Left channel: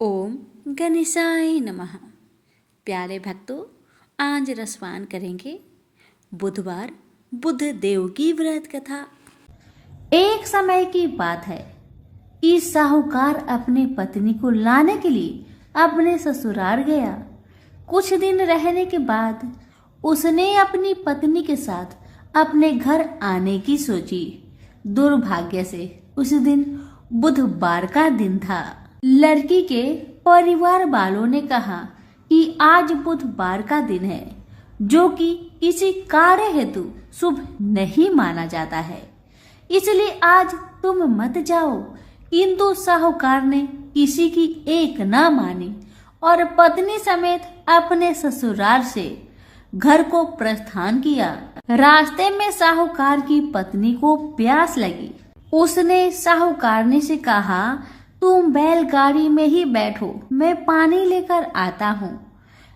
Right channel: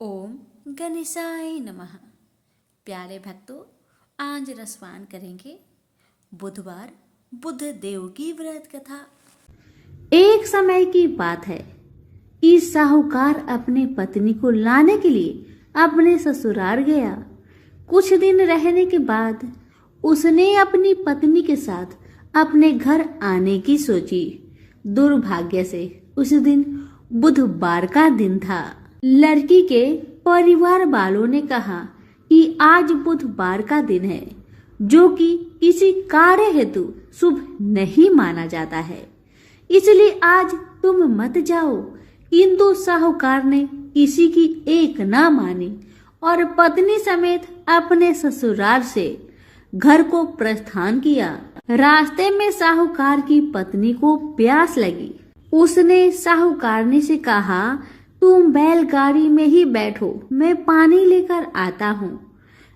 ओम गणेशाय नमः। प्यारे भक्तों, आज रसपान करेंगे बुधवार बुध देव की व्रत कथा। एक समय की बात है कि साहूकार अपने पत्नी को लाने के लिए अपने ससुराल गया। कुछ दिन रहने के बाद उसने अपनी पत्नी के साथ अपने घर आने की सोची। दुर्भाग्य से उस दिन बुधवार का दिन था। लड़की के परिवार वालों ने कहा कि आज बुधवार का दिन है, जो कि किसी कार्य हेतु शुभ नहीं माना जाता है, इसलिए आज तुम मत जाओ। किंतु साहूकार ने किसी की एक न मानी और पत्नी समेत अपने ससुराल से घर को प्रस्थान किया। रास्ते में साहूकार की पत्नी को प्यास लगी। उसने साहूकारनी से कहा, तुम बैलगाड़ी में ही बैठो, मैं पानी लेकर आता हूँ।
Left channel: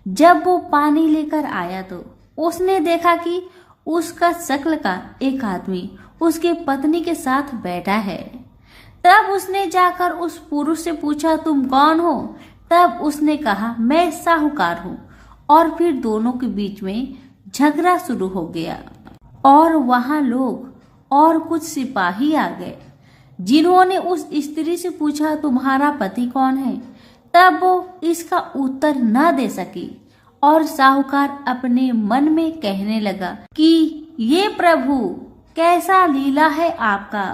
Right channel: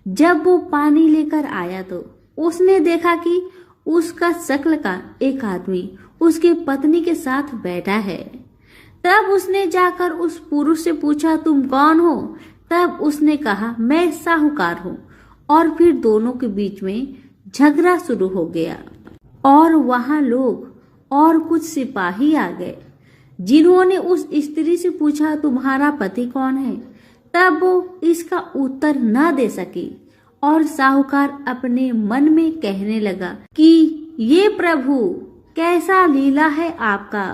जब वो पानी लेकर आया तो उसने देखा कि उसका शक्ल का एक आदमी उसके पत्नी के साथ बैठा है। तब उसने जाकर उस पुरुष से पूछा, तुम कौन हो? तब उसने कहा, मैं साहूकार हूँ। और फिर दोनों के बीच में झगड़ा शुरू हो गया और वहां लोग और कुछ सिपाही आ गए, जिन्होंने उस स्त्री से पूछा, तुम्हारा पति कौन है? तब वो इसका उत्तर न दे सकी और साहूकार अपने मन में कहने लगा कि ये प्रभु, कैसा लीला है आपका।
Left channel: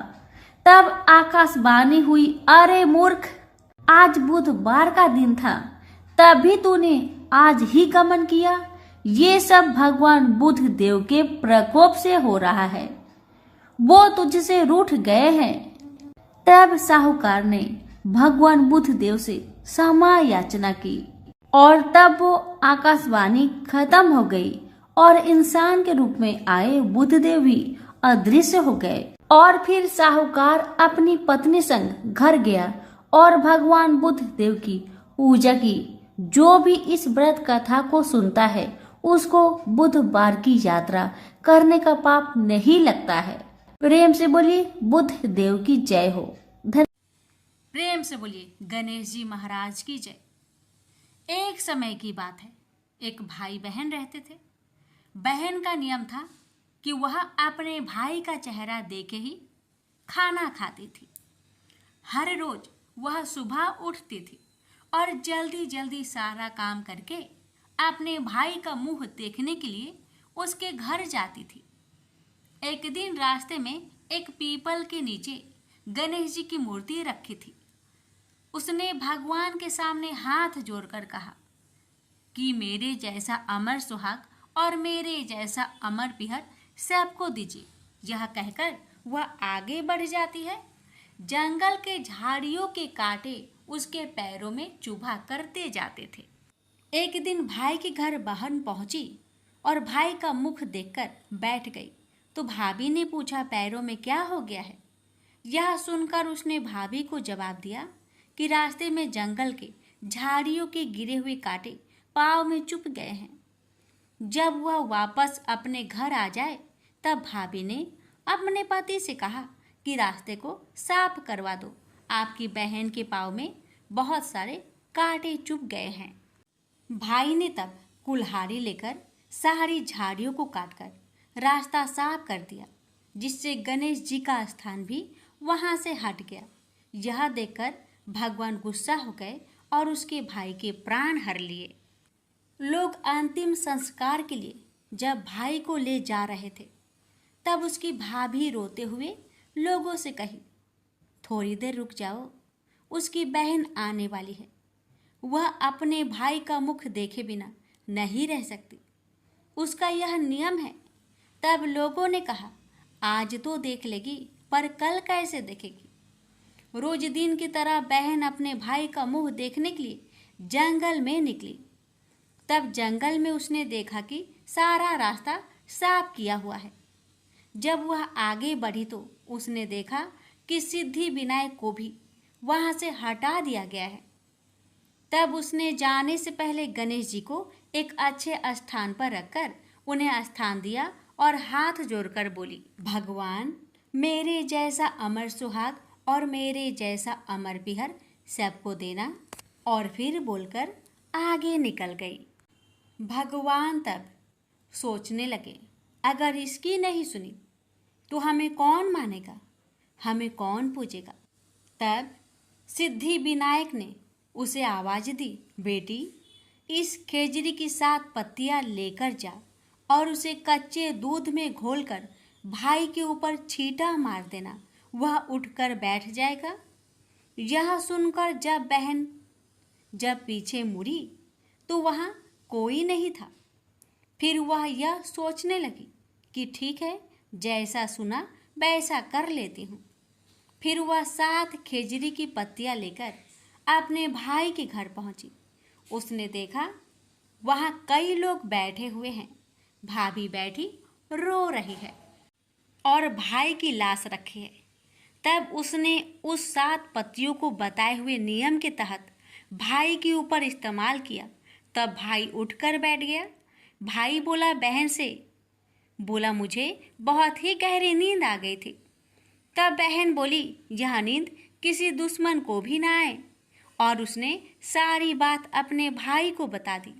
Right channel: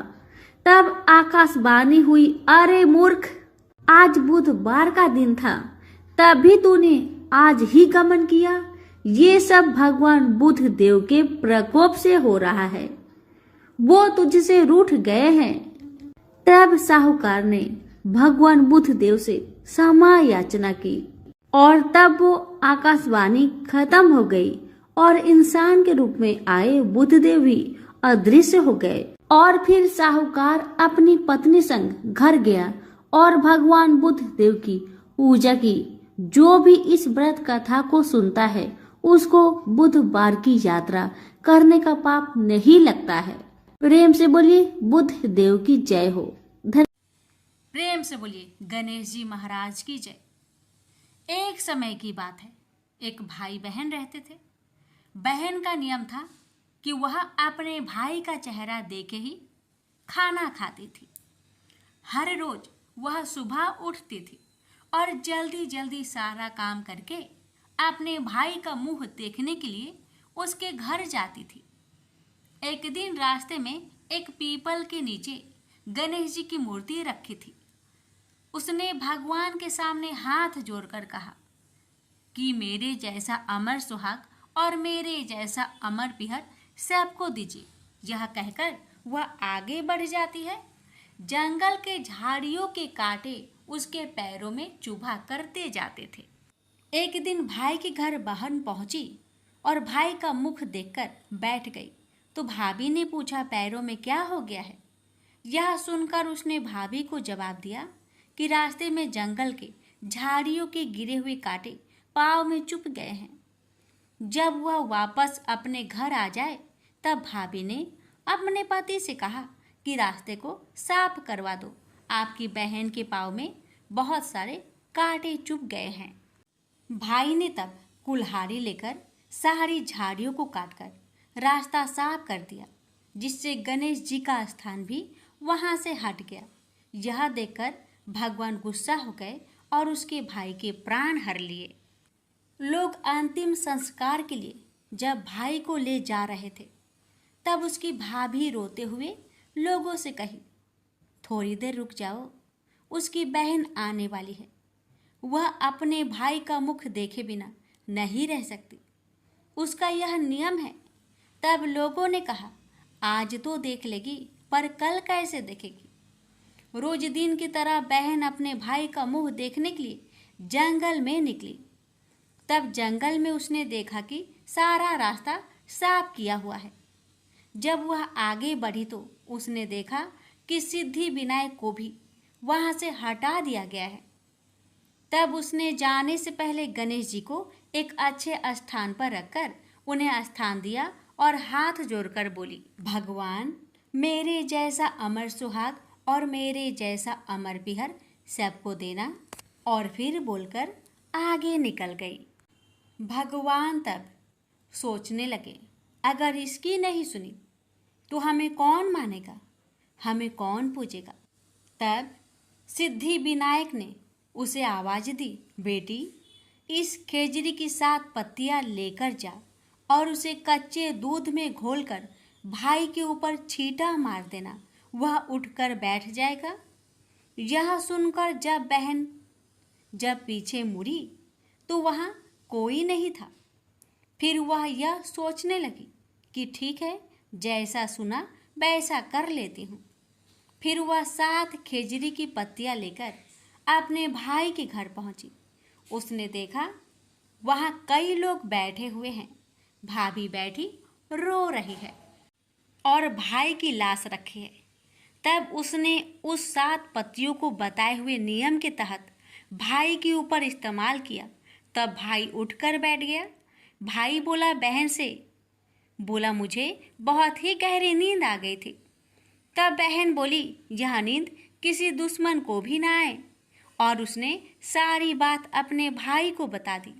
तब आकाशवाणी हुई, अरे मूर्ख, आज बुधवार का दिन था, तभी तूने आज ही गमन किया। ये सब भगवान बुध देव के प्रकोप से हो रहा है, वो तुझसे रूठ गए हैं। तब साहूकार ने भगवान बुध देव से क्षमा याचना की और तब वो आकाशवाणी खत्म हो गई और इंसान के रूप में आए बुध देव भी अदृश्य हो गए। और फिर साहूकार अपनी पत्नी संग घर गया और भगवान बुध देव की पूजा की। जो भी इस व्रत कथा को सुनता है उसको बुधवार की यात्रा करने का पाप नहीं लगता है। प्रेम से बोलिए बुध देव की जय हो। प्रेम से बोलिए गणेश जी महाराज की जय। एक समय की बात है, एक भाई बहन रहते थे। बहन का नियम था कि वह अपने भाई का चेहरा देख के ही खाना खाती थी। हर रोज वह सुबह उठती थी और जल्दी जल्दी सारा काम करके अपने भाई का मुंह देखने के लिए उसके घर जाती थी। एक दिन रास्ते में एक पीपल के नीचे गणेश जी की मूर्ति रखी थी। उसने भगवान के सामने हाथ जोड़कर कहा कि मेरे जैसा अमर सुहाग और मेरे जैसा अमर पिहर सबको दीजिए। यह कहकर वह आगे बढ़ जाती है। जंगल के झाड़ियों के कांटे उसके पैरों में चुभा करते जाते थे। एक दिन भाई के घर बहन पहुंची और भाई का मुख देखकर बैठ गई तो भाभी ने पूछा, पैरों में क्या हो गया है? यह सुनकर उसने भाभी को जवाब दिया कि रास्ते में जंगल के झाड़ियों के गिरे हुए कांटे पाँव में चुभ गए हैं। जब वह वापस अपने घर आ जाए तब भाभी ने अपने पति से कहा कि रास्ते को साफ करवा दो, आपकी बहन के पाँव में बहुत सारे कांटे चुभ गए हैं। भाई ने तब कुल्हाड़ी लेकर सारी झाड़ियों को काटकर रास्ता साफ कर दिया, जिससे गणेश जी का स्थान भी वहां से हट गया। यह देखकर भगवान गुस्सा हो गए और उसके भाई के प्राण हर लिए। लोग अंतिम संस्कार के लिए जब भाई को ले जा रहे थे तब उसकी भाभी रोते हुए लोगों से कही, थोड़ी देर रुक जाओ, उसकी बहन आने वाली है, वह अपने भाई का मुख देखे बिना नहीं रह सकती, उसका यह नियम है। तब लोगों ने कहा, आज तो देख लेगी पर कल कैसे देखेगी? रोज दिन की तरह बहन अपने भाई का मुंह देखने के लिए जंगल में निकली। तब जंगल में उसने देखा कि सारा रास्ता साफ किया हुआ है। जब वह आगे बढ़ी तो उसने देखा कि सिद्धि विनायक को भी वहां से हटा दिया गया है। तब उसने जाने से पहले गणेश जी को एक अच्छे स्थान पर रखकर उन्हें स्थान दिया और हाथ जोड़कर बोली, भगवान, मेरे जैसा अमर सुहाग और मेरे जैसा अमर पिहर सबको देना और फिर बोलकर आगे निकल गई। भगवान तब सोचने लगे, अगर इसकी नहीं सुनी तो हमें कौन मानेगा, हमें कौन पूजेगा। तब सिद्धि विनायक ने उसे आवाज दी, बेटी इस खेजड़ी की 7 पत्तियां लेकर जा और उसे कच्चे दूध में घोलकर भाई के ऊपर छींटा मार देना, वह उठकर बैठ जाएगा। यह सुनकर जब पीछे मुड़ी तो वहाँ कोई नहीं था। फिर वह यह सोचने लगी कि ठीक है, जैसा सुना वैसा कर लेती हूँ। फिर वह 7 खेजड़ी की पत्तियां लेकर अपने भाई के घर पहुंची। उसने देखा वहाँ कई लोग बैठे हुए हैं, भाभी बैठी रो रही है और भाई की लाश रखी है। तब उसने उस 7 पत्तियों को बताए हुए नियम के तहत भाई के ऊपर इस्तेमाल किया। तब भाई उठकर बैठ गया। भाई बोला बहन से, बोला मुझे बहुत ही गहरी नींद आ गई थी। तब बहन बोली यह नींद किसी दुश्मन को भी ना आए, और उसने सारी बात अपने भाई को बता दी।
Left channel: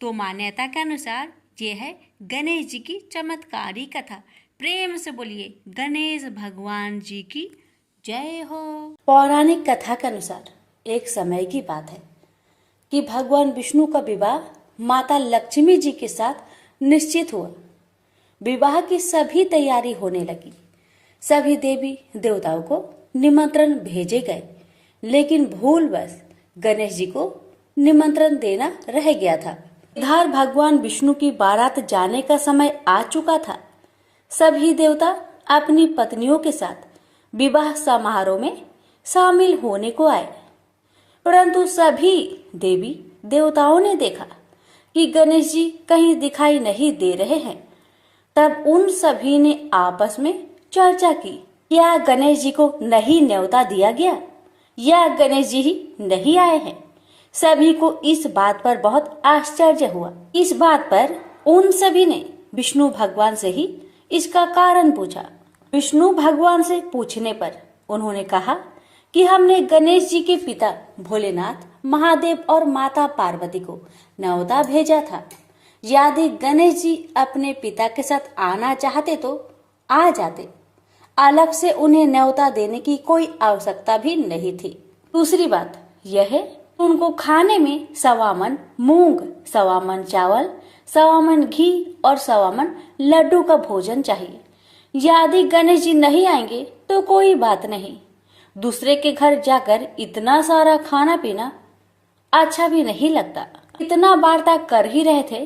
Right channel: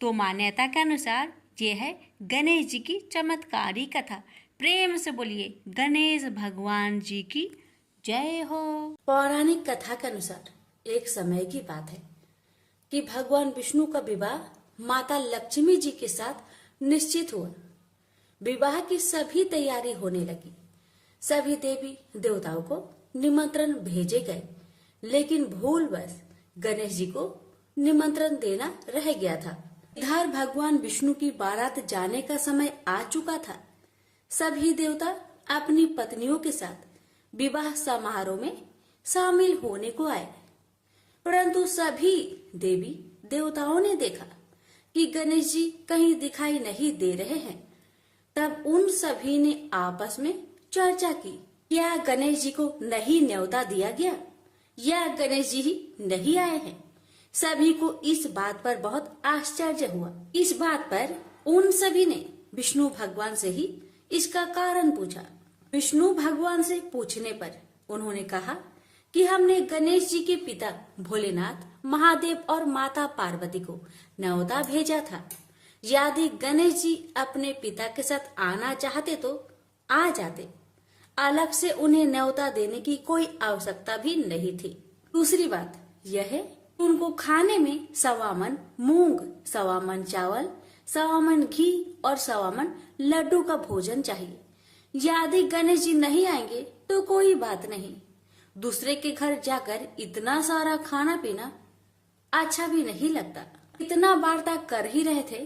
तो मान्यता के अनुसार ये है गणेश जी की चमत्कारी कथा। प्रेम से बोलिए गणेश भगवान जी की जय हो। पौराणिक कथा के अनुसार एक समय की बात है कि भगवान विष्णु का विवाह माता लक्ष्मी जी के साथ निश्चित हुआ। विवाह की सभी तैयारी होने लगी। सभी देवी देवताओं को निमंत्रण भेजे गए, लेकिन भूलवश गणेश जी को निमंत्रण देना रह गया था। इधर भगवान विष्णु की बारात जाने का समय आ चुका था। सभी देवता अपनी पत्नियों के साथ विवाह समारोह में शामिल होने को आए, परंतु सभी देवी देवताओं ने देखा कि गणेश जी कहीं दिखाई नहीं दे रहे हैं। तब उन सभी ने आपस में चर्चा की, क्या गणेश जी को नहीं न्योता दिया गया या गणेश जी ही नहीं आए हैं। सभी को इस बात पर बहुत आश्चर्य हुआ। इस बात पर उन सभी ने विष्णु भगवान से ही इसका कारण पूछा। विष्णु भगवान से पूछने पर उन्होंने कहा कि हमने गणेश जी के पिता भोलेनाथ, महादेव और माता पार्वती को न्योता भेजा था। यदि गणेश जी अपने पिता के साथ आना चाहते तो आ जाते, अलग से उन्हें न्योता देने की कोई आवश्यकता भी नहीं थी। दूसरी बात यह है, उनको खाने में 1.25 मन मूंग, 1.25 मन चावल, 1.25 मन घी और 1.25 मन लड्डू का भोजन चाहिए। यदि गणेश जी नहीं आएंगे तो कोई बात नहीं, दूसरे के घर जाकर इतना सारा खाना पीना अच्छा भी नहीं लगता। इतना वार्ता कर ही रहे थे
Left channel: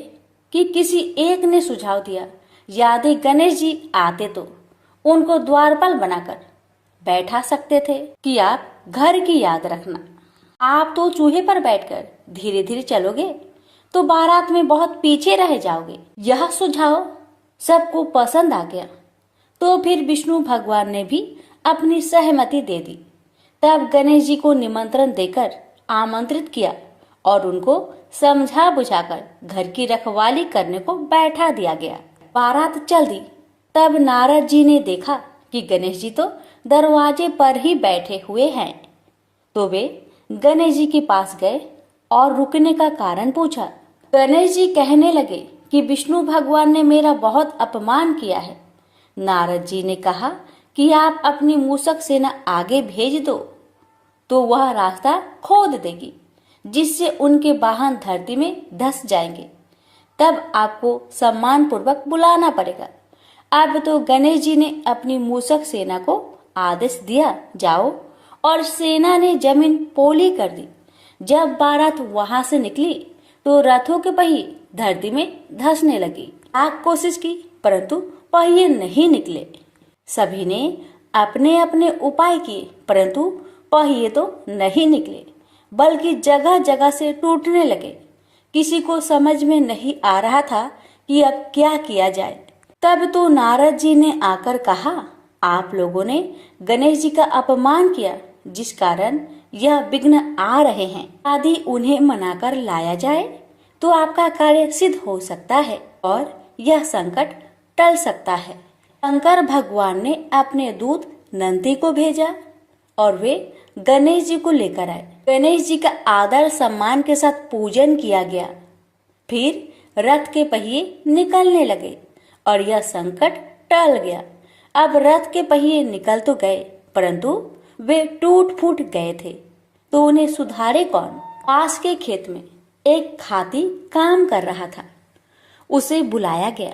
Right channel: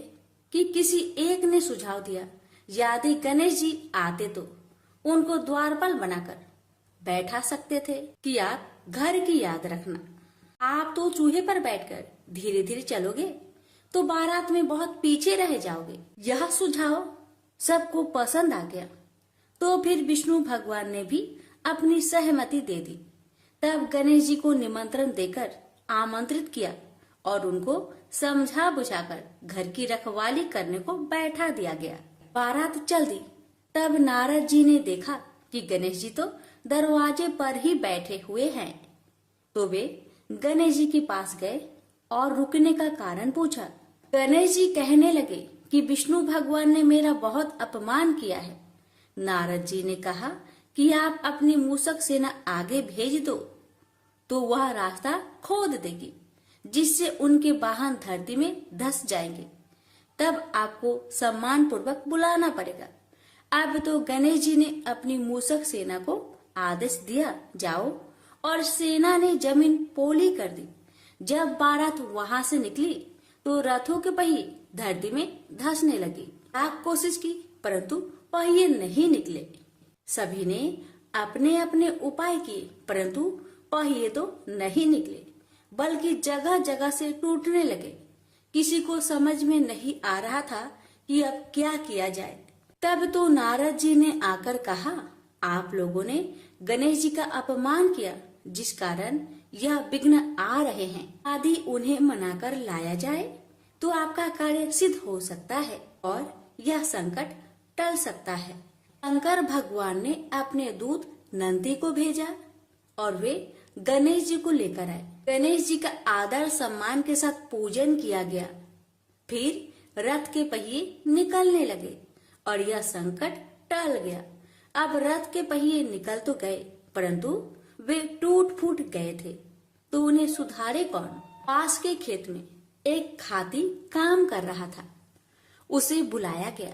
कि किसी एक ने सुझाव दिया, यदि गणेश जी आते तो उनको द्वारपाल बनाकर बैठा सकते थे कि आप घर की याद रखना। आप तो चूहे पर बैठकर धीरे धीरे चलोगे तो बारात में बहुत पीछे रह जाओगे। यह सुझाव सबको पसंद आ गया, तो फिर विष्णु भगवान ने भी अपनी सहमति दे दी। तब गणेश जी को निमंत्रण देकर आमंत्रित किया और उनको समझा बुझाकर घर की रखवाली करने को बैठा दिया गया। बारात चल दी। तब नारद जी ने देखा कि गणेश जी तो दरवाजे पर ही बैठे हुए हैं, तो वे गणेश जी के पास गए और रुकने का कारण पूछा। गणेश जी कहने लगे कि विष्णु भगवान ने मेरा बहुत अपमान किया है। नारद जी ने कहा कि आप अपनी मूषक सेना आगे भेज दो तो वह रास्ता खोद देगी, जिससे उनके वाहन धरती में धंस जाएंगे। तब आपको सम्मान पूर्वक बुलाना पड़ेगा। अब तो गणेश जी ने अपनी मूषक सेना को आदेश दिया, जाओ, और सेना ने जमीन पोली कर दी। जब बारात वहां से निकली तो रथों के पहिए धरती में धंसने लगी। लाख कोशिश की परंतु पहिए नहीं निकले। सभी ने अपने अपने उपाय किए, परंतु पहिए तो नहीं निकले, बल्कि जगह जगह से टूटने लगे। किसी को समझ में नहीं आ रहा था कि अब क्या किया जाए। तब तो नारद जी ने आकर कहा, आप लोगों ने गणेश जी का अपमान किया, जिस कारण यह विघ्न आ रहे हैं। यदि उन्हें मनाकर लाया जाए तो आपका कार्य सिद्ध हो सकता है और यह संकट टल सकता है। शंकर भगवान ने अपने दूत नंदी को भेजा और वे गणेश जी को लेकर आए। गणेश जी का आदर सम्मान के साथ पूजन किया गया। फिर रथ के पहिए निकलने लगे और यह संकट टल गया। अब रथ के पहिए निकल तो गए, परंतु वे टूट फूट गए थे, तो उन्हें सुधारे कौन? पास के खेत में एक खाती काम कर रहा था। उसे बुलाया गया।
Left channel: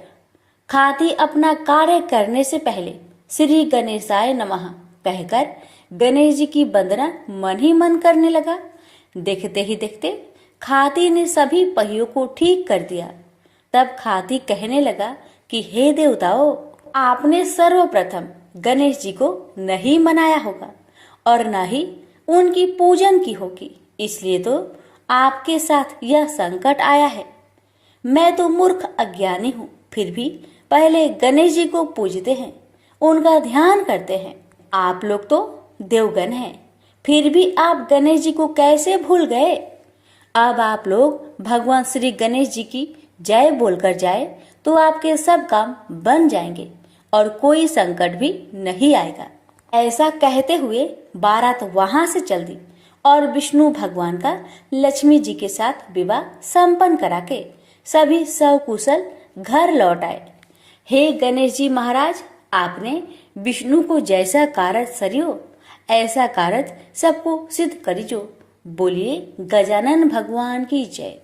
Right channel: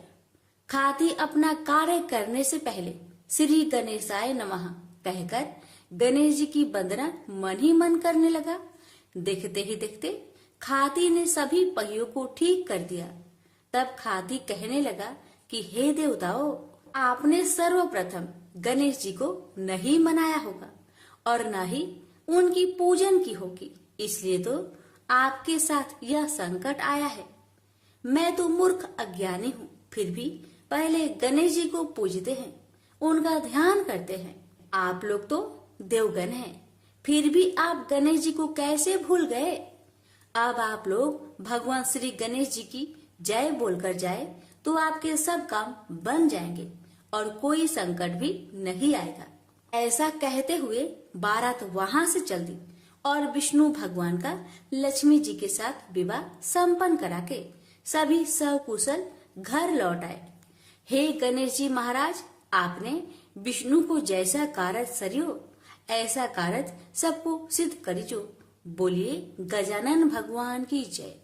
खाती अपना कार्य करने से पहले श्री गणेशाय नमः कहकर गणेश जी की वंदना मन ही मन करने लगा। देखते ही देखते खाती ने सभी पहियों को ठीक कर दिया। तब खाती कहने लगा कि हे देवताओं, आपने सर्वप्रथम गणेश जी को नहीं मनाया होगा और न ही उनकी पूजन की होगी, इसलिए तो आपके साथ यह संकट आया है। मैं तो मूर्ख अज्ञानी हूँ, फिर भी पहले गणेश जी को पूजते हैं, उनका ध्यान करते हैं। आप लोग तो देवगण हैं, फिर भी आप गणेश जी को कैसे भूल गए? अब आप लोग भगवान श्री गणेश जी की जय बोलकर जाए तो आपके सब काम बन जाएंगे और कोई संकट भी नहीं आएगा। ऐसा कहते हुए बारात वहां से चल दी और विष्णु भगवान का लक्ष्मी जी के साथ विवाह संपन्न करा के सभी सकुशल घर लौट आए। हे गणेश जी महाराज, आपने विष्णु को जैसा कारज सरियो ऐसा कारज सबको सिद्ध करिजो। बोलिए गजानन भगवान की जय।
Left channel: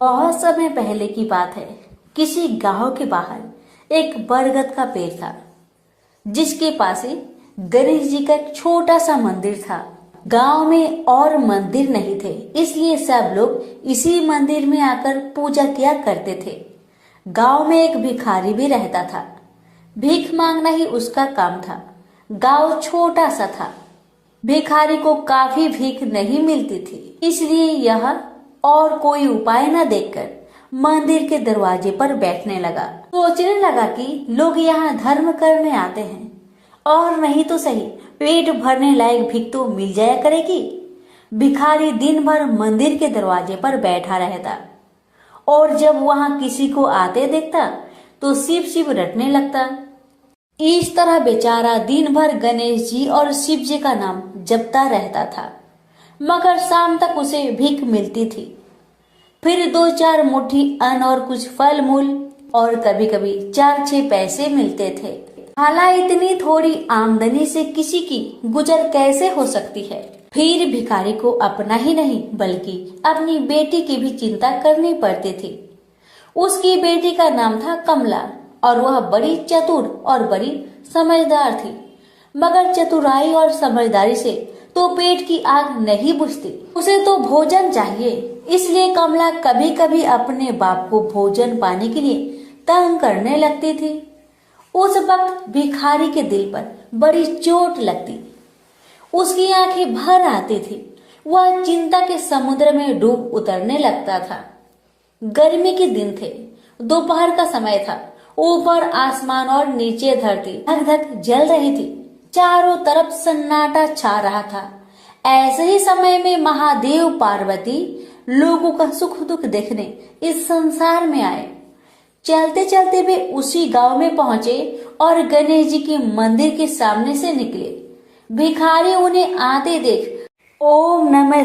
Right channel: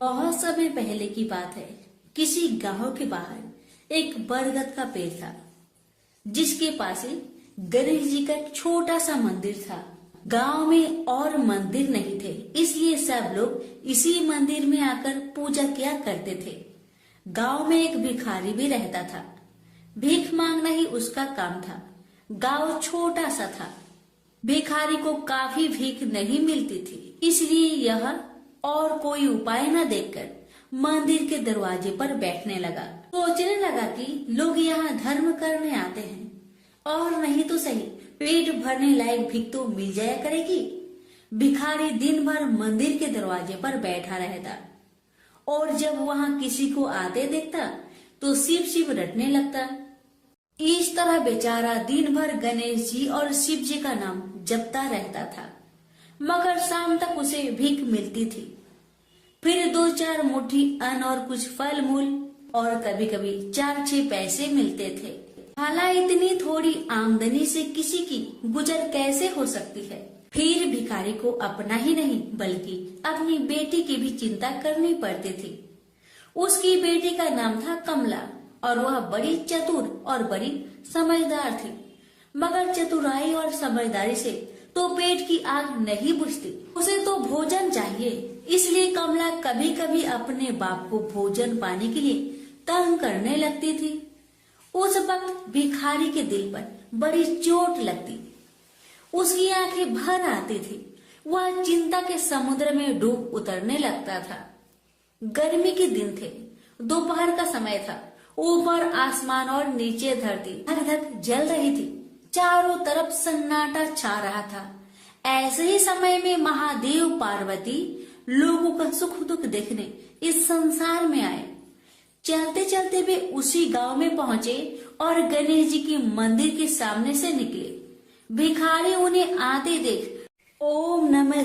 बहुत समय पहले की बात है। किसी गांव के बाहर एक बरगद का पेड़ था, जिसके पास ही गणेश जी का एक छोटा सा मंदिर था। गांव में और मंदिर नहीं थे, इसलिए सब लोग इसी मंदिर में आकर पूजा किया करते थे। गांव में एक भिखारी भी रहता था। भीख मांगना ही उसका काम था। गांव छोटा सा था, भिखारी को काफी भीख नहीं मिलती थी, इसलिए यह और कोई उपाय न देखकर मंदिर के दरवाजे पर बैठने लगा। सोचने लगा कि लोग यहाँ धर्म करने आते हैं और नहीं तो सही पेट भरने लायक भीख तो मिल जाया करेगी। भिखारी दिन भर मंदिर के दरवाजे पर बैठा रहता और जब वहाँ किसी को आते देखता तो शिव शिव रटने लगता। इस तरह बेचारा दिन भर गणेश जी और शिव जी का नाम जपता रहता था, मगर शाम तक उसे भीख मिलती थी। फिर 2-4 मुट्ठी अन्न और कुछ फल मूल और कभी कभी 4-6 पैसे मिलते थे। हालांकि इतनी थोड़ी आमदनी से किसी की गुजर कैसे हो सकती है। फिर भिखारी को अपना ही नहीं बल्कि अपनी बेटी की भी चिंता करनी पड़ती थी। उसकी बेटी का नाम था कमला और वह बड़ी चतुर और बड़ी समझदार थी, मगर चतुराई और समझदारी से तो पेट की आग नहीं बुझती, उसे तो भोजन चाहिए। इसलिए कमला कभी कभी अपने बाप को भोजन पाने के लिए तंग करने लगती थी। उस वक्त भिखारी के दिल पर बड़ी चोट लगती, उसकी आंखें भर आती थी। वह चिंता के समुद्र में डूब उतरने लगता था। गर्मी के दिन थे, दोपहर का समय था। ऊपर आसमान और नीचे धरती धक धक जल रही थी। चारों तरफ सन्नाटा छा रहा था। ऐसे ही समय में महादेव पार्वती लोगों का सुख दुख देखने इस संसार में आए। चलते चलते वे उसी गांव में पहुंचे और गणेश जी के मंदिर के सामने से निकले। भिखारी उन्हें आते देख ओम नमः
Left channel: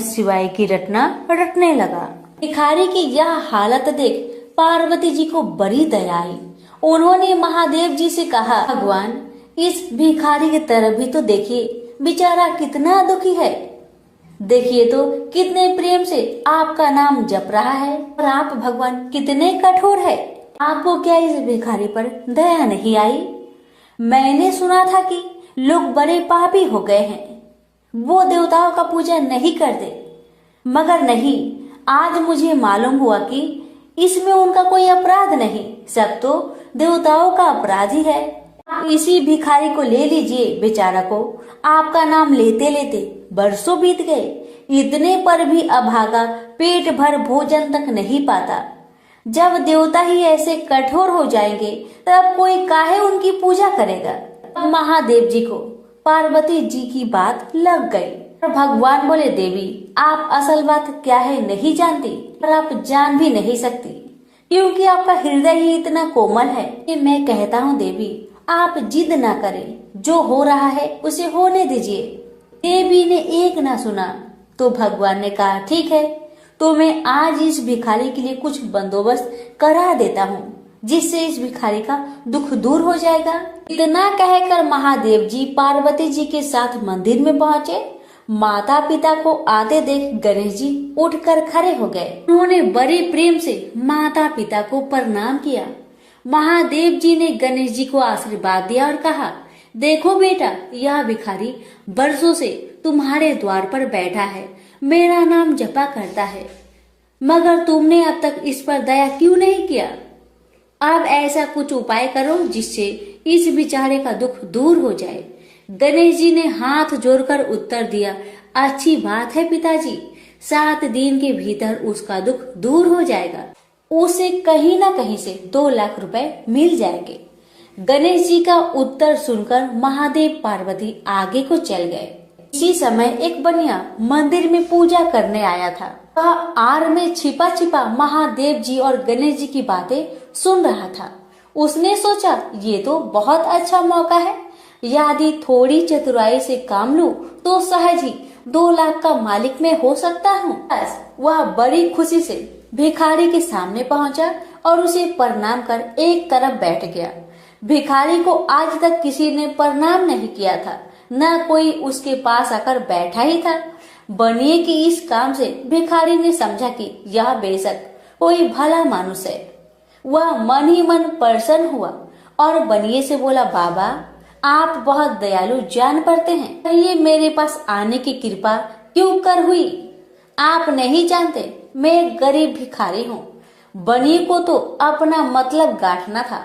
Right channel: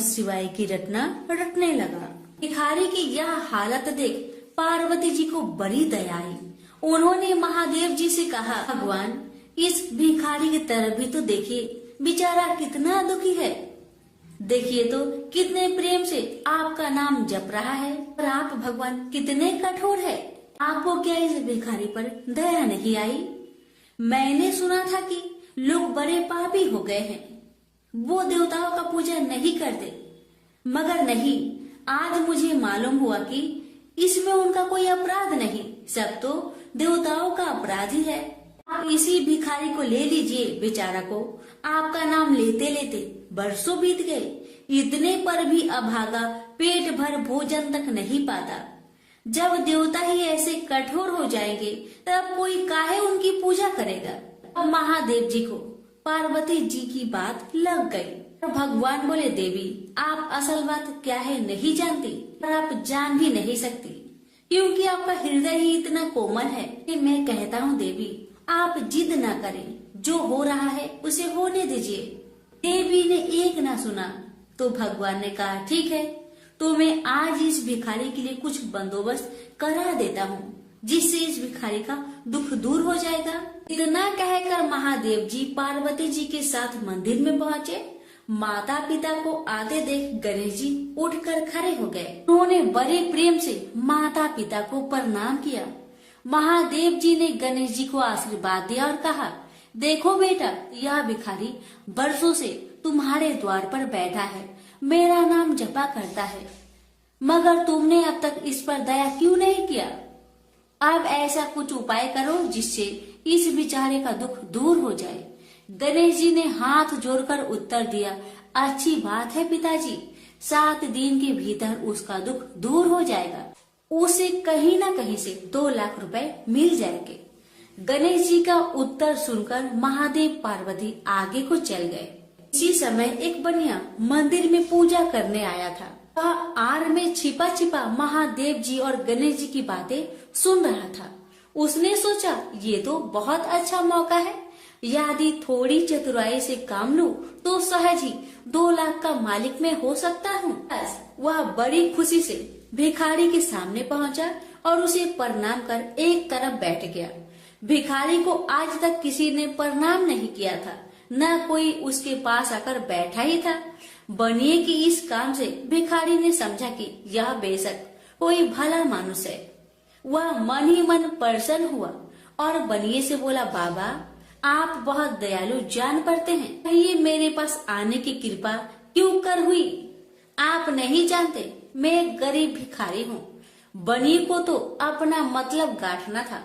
शिवाय की रटना रटने लगा। भिखारी की यह हालत देख पार्वती जी को बड़ी दया आई। उन्होंने महादेव जी से कहा, भगवान इस भिखारी की तरफ भी तो देखिए, बेचारा कितना दुखी है। देखिए तो कितने प्रेम से आपका नाम जप रहा है और आप भगवान कितने कठोर है। आपको क्या इस भिखारी पर दया नहीं आई? मैंने सुना था कि लोग बड़े पापी हो गए हैं, वो देवताओं का पूजा नहीं करते, मगर नहीं, आज मुझे मालूम हुआ कि इसमें उनका कोई अपराध नहीं, सब तो देवताओं का अपराधी है। आप इसी भिखारी को ले लीजिए। बेचारा को आपका नाम लेते लेते बरसों बीत गए, इतने पर भी अभागा पेट भर भोजन तक नहीं पाता। जब देवता ही ऐसे कठोर हो जाएंगे तब कोई काहे उनकी पूजा करेगा। अब महादेव जी को पार्वती जी की बात लग गई। भगवान बोले, देवी आप असल बात क्या है नहीं जानती और आप जान भी नहीं सकती, क्योंकि आपका हृदय ही इतना कोमल है कि मैं कहता हूँ देवी आप जिद ना करें, जो हो रहा है उसे होने दीजिए। देवी ने एक ना सुना तो भगवान ने कहा, ठीक है, तो मैं आज इस भिखारी के लिए कुछ बंदोबस्त करा देता हूँ, जिससे इस भिखारी का दुख दूर हो जाएगा। इतना कहकर महादेव जी पार्वती जी के साथ मंदिर में पहुँचे। माता पिता को आते देख गणेश जी उठकर खड़े हो गए। उन्होंने बड़े प्रेम से माता पिता को प्रणाम किया। महादेव जी ने गणेश जी को आशीर्वाद दिया और कहा, देखो बेटा, यह भिखारी बरसों से तुम्हारे द्वार पर बैठा है, मेरा नाम जपा करता है, मगर तुमने अब तक इस पर दया क्यों नहीं किया? अब ऐसा कुछ उपाय करो जिससे इस बेचारे का दुख दूर हो जाए। गणेश जी ने हाथ जोड़कर उत्तर दिया, अच्छी बात है पिताजी, 7 दिन के भीतर उसका दुख दूर हो जाएगा, उसे कहीं न कहीं से 2 लाख रुपए मिल जाएंगे। गणेश जी का उत्तर सुनकर महादेव पार्वती आगे को चल गए। इसी समय एक बनिया मंदिर में पूजा करने आया था। वह आड़ में छिपा छिपा महादेव जी और गणेश जी की बातें सुन रहा था। उसने सोचा, ये तो बहुत अच्छा मौका है, यदि थोड़ी चतुराई से काम लूं तो सहज ही 2 लाख का मालिक मैं हो सकता हूँ। बस वह बड़ी खुशी से भिखारी के सामने पहुँचा और उसे प्रणाम कर एक तरफ बैठ गया। भिखारी को आज तक किसी ने प्रणाम नहीं किया था, न कोई उसके पास आकर बैठा ही था। बनिए की इस काम से भिखारी ने समझा कि यह बेशक कोई भला मानुष है। वह मन ही मन प्रसन्न हुआ और बनिए से बोला, बाबा, आप बहुत दयालु जान पड़ते हैं, कहिए मेरे पास आने की कृपा क्यों कर हुई? आप नहीं जानते मैं एक गरीब भिखारी हूँ। बनिए को तो अपना मतलब गांठना था।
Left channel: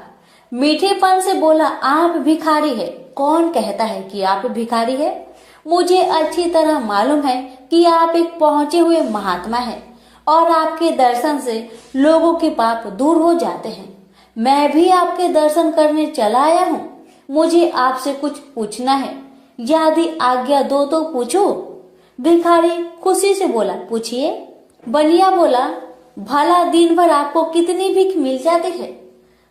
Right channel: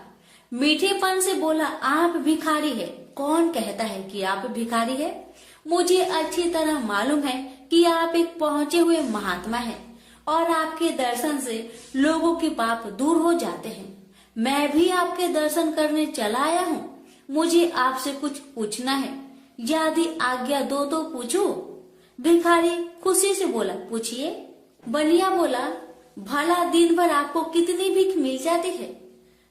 मीठेपन से बोला, आप भिखारी है? कौन कहता है कि आप भिखारी है? मुझे अच्छी तरह मालूम है कि आप एक पहुँचे हुए महात्मा हैं और आपके दर्शन से लोगों के पाप दूर हो जाते हैं। मैं भी आपके दर्शन करने चला आया हूँ। मुझे आपसे कुछ पूछना है, यदि आज्ञा दो तो पूछो। भिखारी खुशी से बोला, पूछिए। बनिया बोला, भला दिन भर आपको कितनी भीख मिल जाती है?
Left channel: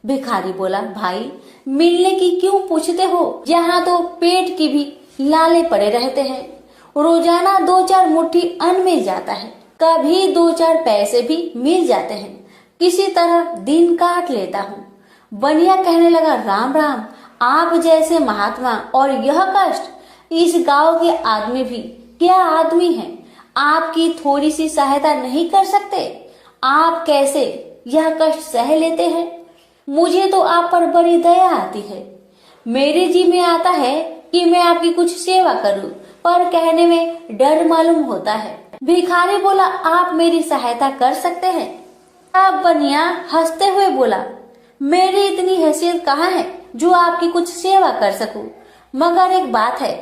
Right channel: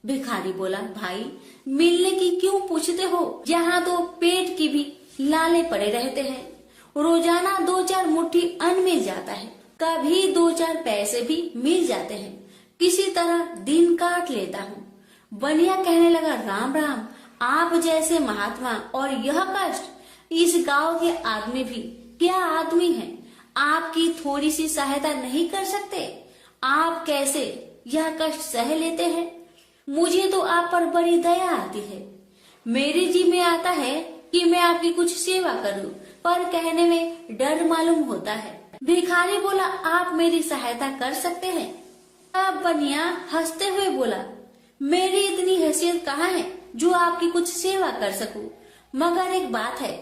भिखारी बोला, भाई, मिलने की क्यों पूछते हो, यहाँ तो पेट की भी लाले पड़े रहते हैं। रोजाना 2-4 मुट्ठी अन्न मिल जाता है, कभी 2-4 पैसे भी मिल जाते हैं, किसी तरह दिन काट लेता हूँ। बनिया कहने लगा, राम राम, आप जैसे महात्मा और यह कष्ट, इस गांव के आदमी भी क्या आदमी हैं? आपकी थोड़ी सी सहायता नहीं कर सकते? आप कैसे यह कष्ट सह लेते हैं? मुझे तो आप पर बड़ी दया आती है। मेरे जी में आता है कि मैं आपकी कुछ सेवा करूं, पर कहने में डर मालूम होता है। भिखारी बोला, आप मेरी सहायता कर सकते हैं? अब बनिया हंसते हुए बोला, मेरी इतनी हैसियत कहाँ है जो आपकी कुछ सेवा कर सकूं, मगर एक बात है,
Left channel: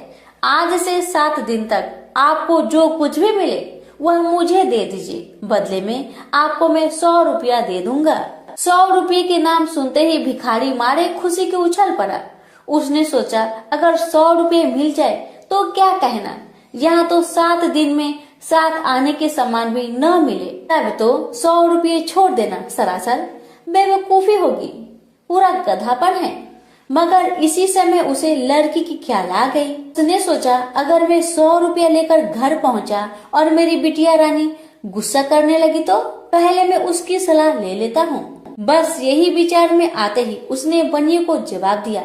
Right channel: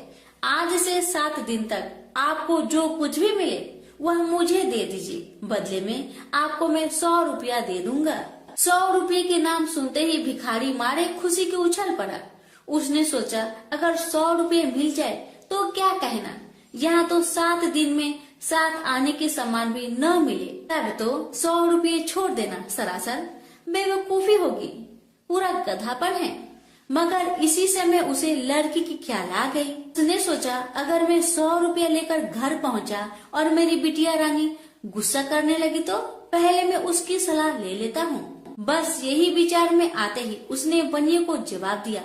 आज से 7 दिन तक आपको जो कुछ भी मिले वह मुझे दे दीजिए, बदले में आपको मैं 100 रुपया दे दूंगा। 100 रुपये के नाम सुनते ही भिखारी मारे खुशी के उछल पड़ा। उसने सोचा, अगर 100 रुपये मिल जाए तो क्या कहना, यहाँ तो 7 दिन में 7 आने के सामान भी न मिले, तब तो 100 रुपये छोड़ देना सरासर बेवकूफी होगी, पूरा गधापन है। मगर इसी समय उसे लड़की की ख्याल आ गई। उसने सोचा, अगर मैं 100 रुपया लेकर घर पहुंचा और मेरी बिटिया रानी गुस्सा करने लगी तो पहले मैं उसकी सलाह ले लेता हूँ। बस यही विचार में आते ही उसने बनिए को जवाब दिया,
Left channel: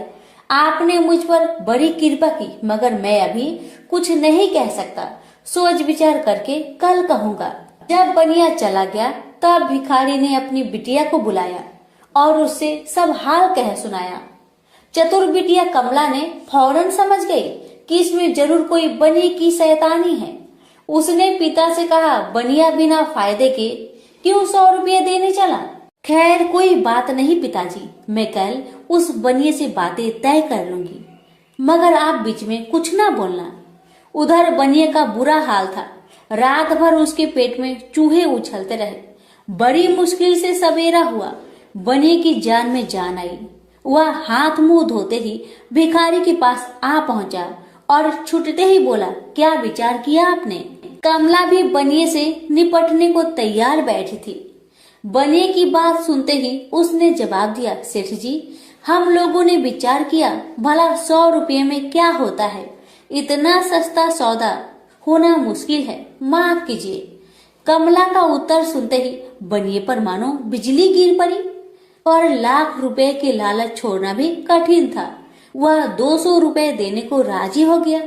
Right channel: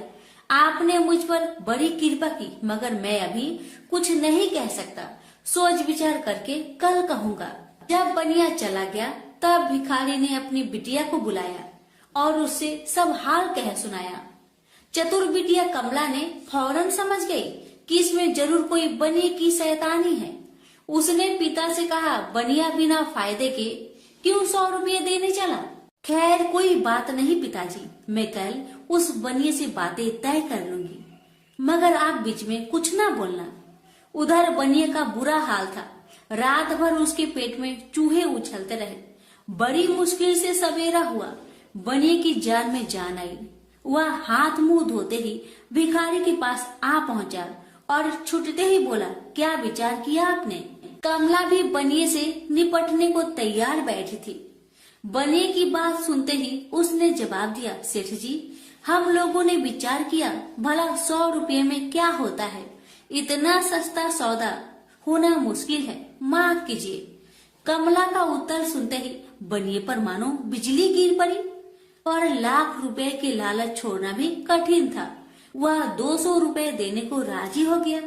आपने मुझ पर बड़ी कृपा की, मगर मैं अभी कुछ नहीं कह सकता, सोच विचार करके कल कहूँगा। जब बनिया चला गया तब भिखारी ने अपनी बिटिया को बुलाया और उससे सब हाल कह सुनाया। चतुर बिटिया कमला ने फौरन समझ गई कि इसमें जरूर कोई बनिए की शैतानी है। उसने पिता से कहा, बनिया बिना फायदे के क्यों 100 रुपये देने चला? खैर कोई बात नहीं पिताजी, मैं कल उस बनिए से बातें तय कर लूंगी, मगर आप बीच में कुछ ना बोलना। उधर बनिए का बुरा हाल था, रात भर उसके पेट में चूहे उछलते रहे। बड़ी मुश्किल से सवेरा हुआ, बनिए की जान में जान आई। वह हाथ मुंह धोते ही भिखारी के पास आ पहुंचा और छुटते ही बोला, क्या विचार किया आपने? कमला भी बनिए से निपटने को तैयार बैठी थी। बनिए की बात सुनते ही उसने जवाब दिया, सेठ जी, हम लोगों ने विचार किया भला 100 रुपये में क्या होता है, इतना सस्ता सौदा होना मुश्किल है, माफ कीजिए। कमला का उत्तर सुनते ही बनिए पर मानो बिजली गिर पड़ी। और लाख रुपए के लालच छोड़ना भी कठिन था। वह 200 रुपए देने को राजी हो गया।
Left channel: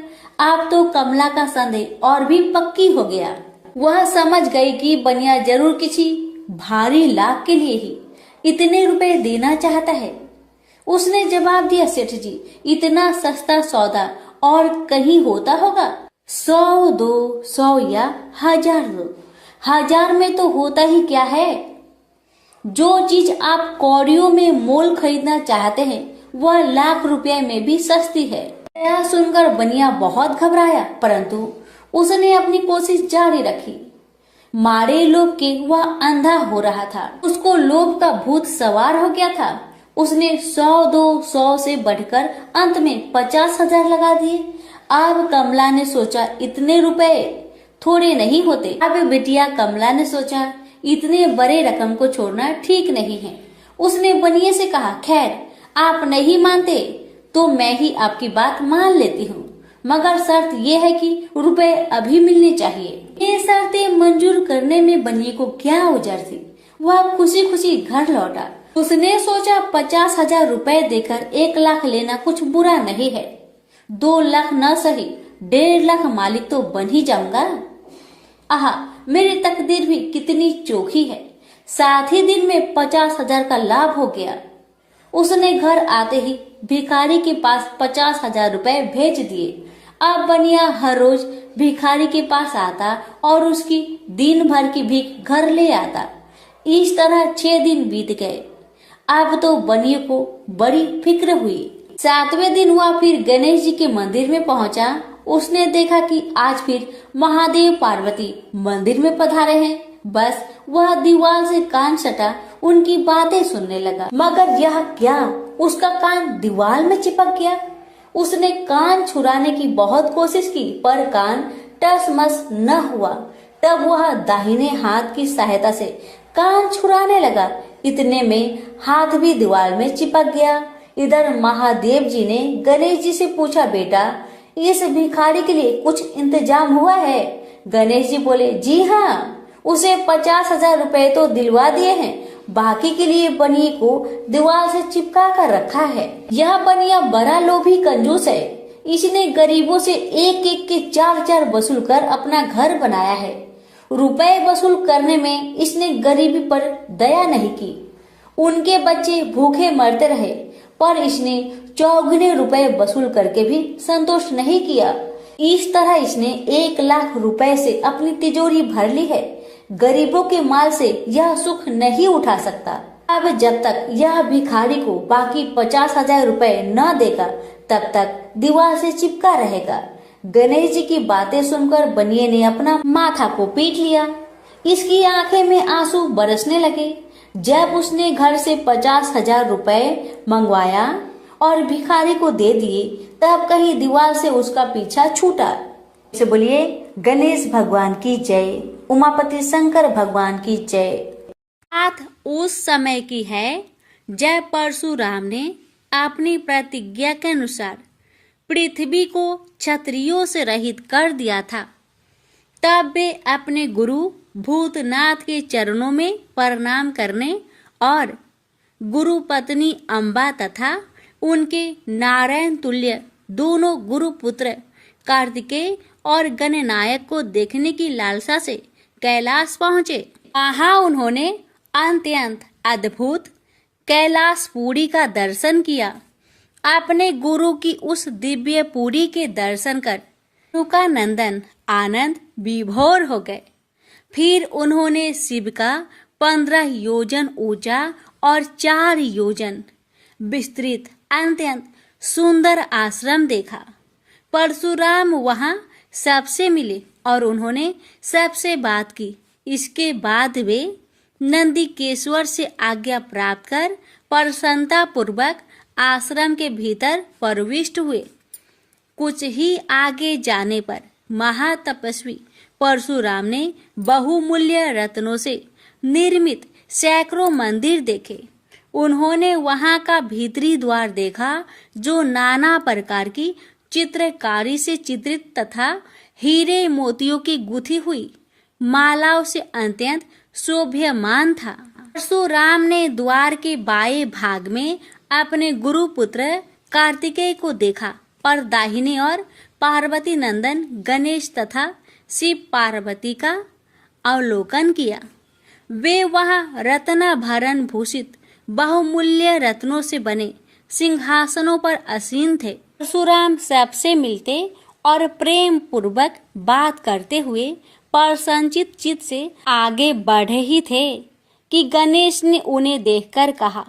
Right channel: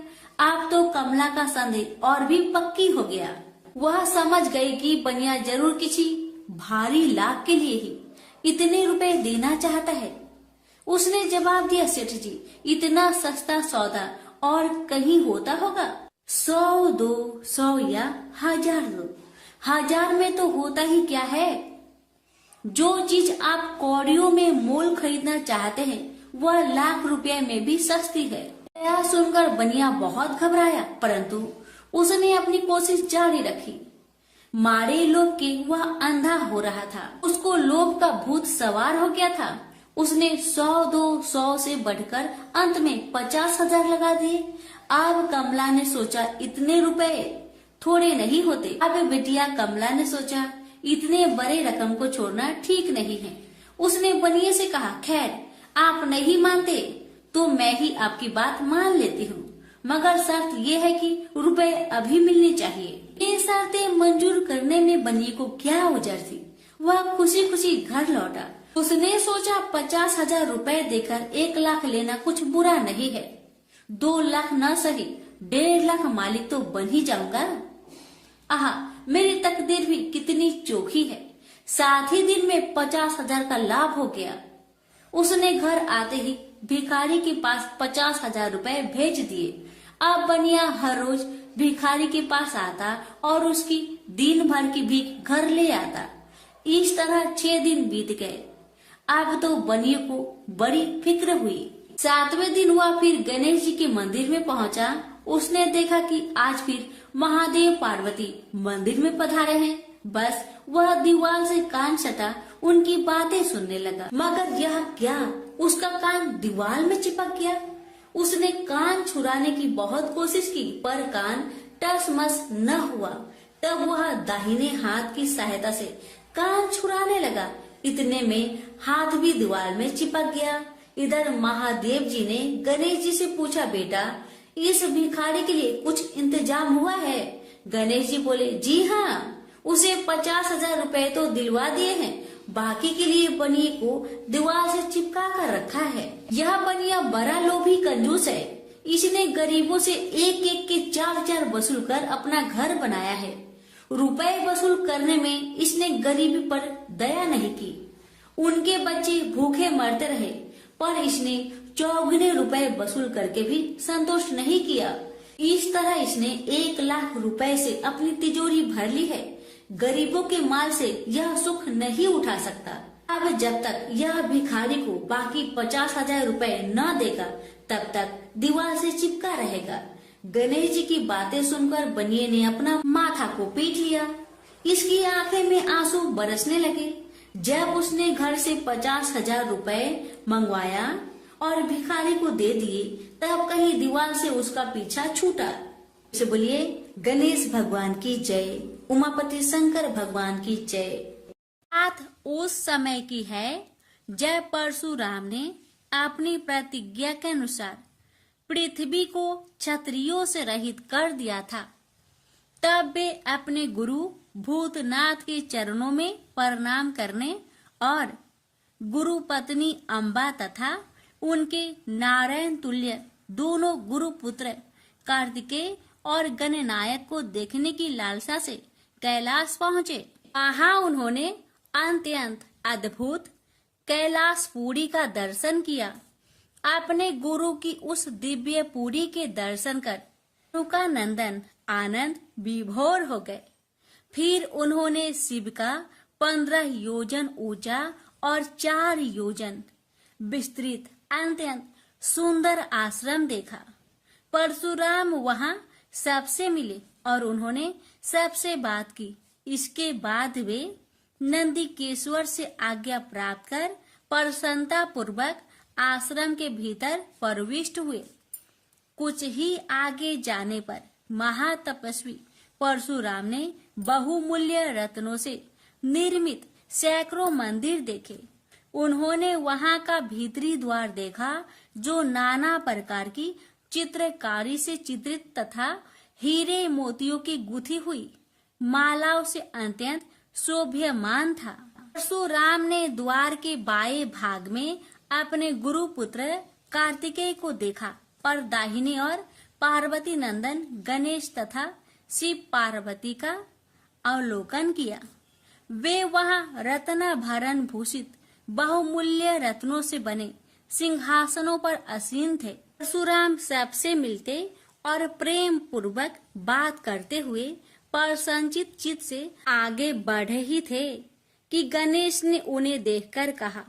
अब तो कमला का संदेह और भी पक्की हो गया। वह समझ गई कि बनिया जरूर किसी भारी लाभ के लिए ही इतने रुपए देना चाहता है। उसने जवाब दिया, सेठ जी, इतना सस्ता सौदा और कहीं होता होगा? 100 दो, 100 या 1000 दो, 1000 में तो होता ही क्या है। जो चीज आप कौड़ियों में मोल खरीदना चाहते हैं वह लाख रुपए में भी सस्ती है। यह सुनकर बनिया बहुत घबराया, परंतु उसने अपनी कोशिश जारी रखी। मारे लोभ के वह अंधा हो रहा था। उसको लोभ का भूत सवार हो गया था। उसने 100 दो, 100 से बढ़कर अंत में 50,000 लगा दिए। अब कमला ने सोचा इतने रुपए थोड़े नहीं होते। अब बिटिया कमला ने सोचा इतने बड़े रकम को छोड़ना ठीक नहीं है। उसने बनिए से कहा, खैर आप नहीं मानते तो मैं ही आपकी बात मान लेती हूँ, मगर शर्त यह है कि रुपए अभी मिलने चाहिए। ये शर्तें मंजूर करने में बनिए को क्या उजर थी। वह खुशी खुशी घर लौटा। उसने सोचा 50,000 रुपए देकर 1 लाख लेना कुछ बुरा नहीं है। 2 लाख न सही 1.5 लाख मालिक तो बन ही जाऊंगा। आहा, मेरी तकदीर भी कितनी चोखी है। साथ ही दिन में 50,000 का लाभ हो गया। उसने घर आते ही भिखारी के पास 50,000 रुपए भेज दिए। अब बनिया हर रोज भिखारी के पास आता और उसकी दिन भर की भीख घर ले आता। इस तरह 6 दिन बीत गए। अब तो बनिए को बड़ी फिक्र हुई। 7वें दिन वह फिर गणेश जी के मंदिर में पहुंचा। उसने देखा कि आज फिर महादेव पार्वती मंदिर में पधारे हैं। बस वह दीवार से कान सटा उनकी बातें सुनने लगा, मगर यह क्या, उसका कान दीवार में चिपक गया। उसने कान छुड़ाने की बहुत कोशिश की, पर कान टस मस न हुआ। तब वह दाहिने हाथ की सहायता से कान छुड़ाने लगा। इतने में हाथ भी दीवार में चिपक गया। इधर महादेव जी ने गणेश जी से पूछा, बेटा इस भिखारी के लिए कुछ इंतजाम हुआ है? गणेश जी बोले, जी हाँ, उसे 50,000 रुपए तो दिलवा दिए हैं, बाकी के लिए बनिए को दीवार से चिपका कर रखा है। यह बनिया बड़ा लोभी कंजूस है। इसने गरीबों से एक एक के 4-4 वसूल कर अपना घर बनाया है। रुपए वसूल करने में इसने गरीबी पर दया नहीं की। उनके बच्चे भूखे मरते रहे, पर इसने 4 रुपए वसूल करके भी संतोष नहीं किया। इस तरह इसने 1 लाख रुपए से अपनी तिजोरी भर ली है। गरीबों के माल से यह सुख नहीं उठा सकता। अब जब तक यह भिखारी को बाकी 50,000 रुपए न देगा, तब तक दीवार से चिपका रहेगा। गणेश जी की बातें सुनकर बनिए ने अपना माथा को पीट लिया। इसकी आंखें में आंसू बरसने लगे। जब उसने घर से 50,000 रुपए मंगवाया और भिखारी को दे दिए, तब कहीं दीवार से उसका पीछा छूटा। से बोलिए गणेश भगवान की जय, उमापति शंकर भगवान की जय। बात उस समय की है जब परशुराम ने अपनी प्रतिज्ञा के अनुसार पृथ्वी को क्षत्रियों से रहित कर दिया था। तब वे अपने गुरु भूतनाथ के चरणों में प्रणाम करने और गुरु पत्नी अम्बा तथा उनके नारायण तुल्य दोनों गुरु पुत्र कार्तिकेय और गणनायक को देखने की लालसा से कैलाश पहुँचे। वहाँ उन्होंने अत्यंत अद्भुत कैलाशपुरी का दर्शन किया। अपने गुरु की उस दिव्य पुरी के दर्शन कर उनका नंदन आनंद विभोर हो गए। फिर उन्होंने शिव का 15 योजन ऊंचा और 4 योजन विस्तृत अत्यंत सुंदर आश्रम देखा। परशुराम वहां सबसे मिले और उन्होंने सबसे बात की। इसके बाद वे नंदीकेश्वर से आज्ञा प्राप्त कर प्रसन्नता पूर्वक आश्रम के भीतर प्रविष्ट हुए। कुछ ही आगे जाने पर महातपस्वी परशुराम ने बहुमूल्य रत्नों से निर्मित सैकड़ों मंदिर देखे। उन्होंने वहां का भीतरी द्वार देखा, जो नाना प्रकार की चित्रकारी से चित्रित तथा हीरे मोतियों की गुथी हुई मालाओं से अत्यंत शोभ्यमान था। परशुराम ने द्वार के बाएं भाग में अपने गुरु पुत्र कार्तिकेय को देखा, पर दाहिने और पार्वती नंदन गणेश तथा शिव पार्वती का अवलोकन किया। वे वहां रत्न भरण भूषित बहुमूल्य रत्नों से बने सिंहासनों पर आसीन थे। परशुराम सबसे मिलते और प्रेम पूर्वक बात करते हुए प्रसन्नचित चित्त से आगे बढ़े ही थे कि गणेश ने उन्हें देखकर कहा,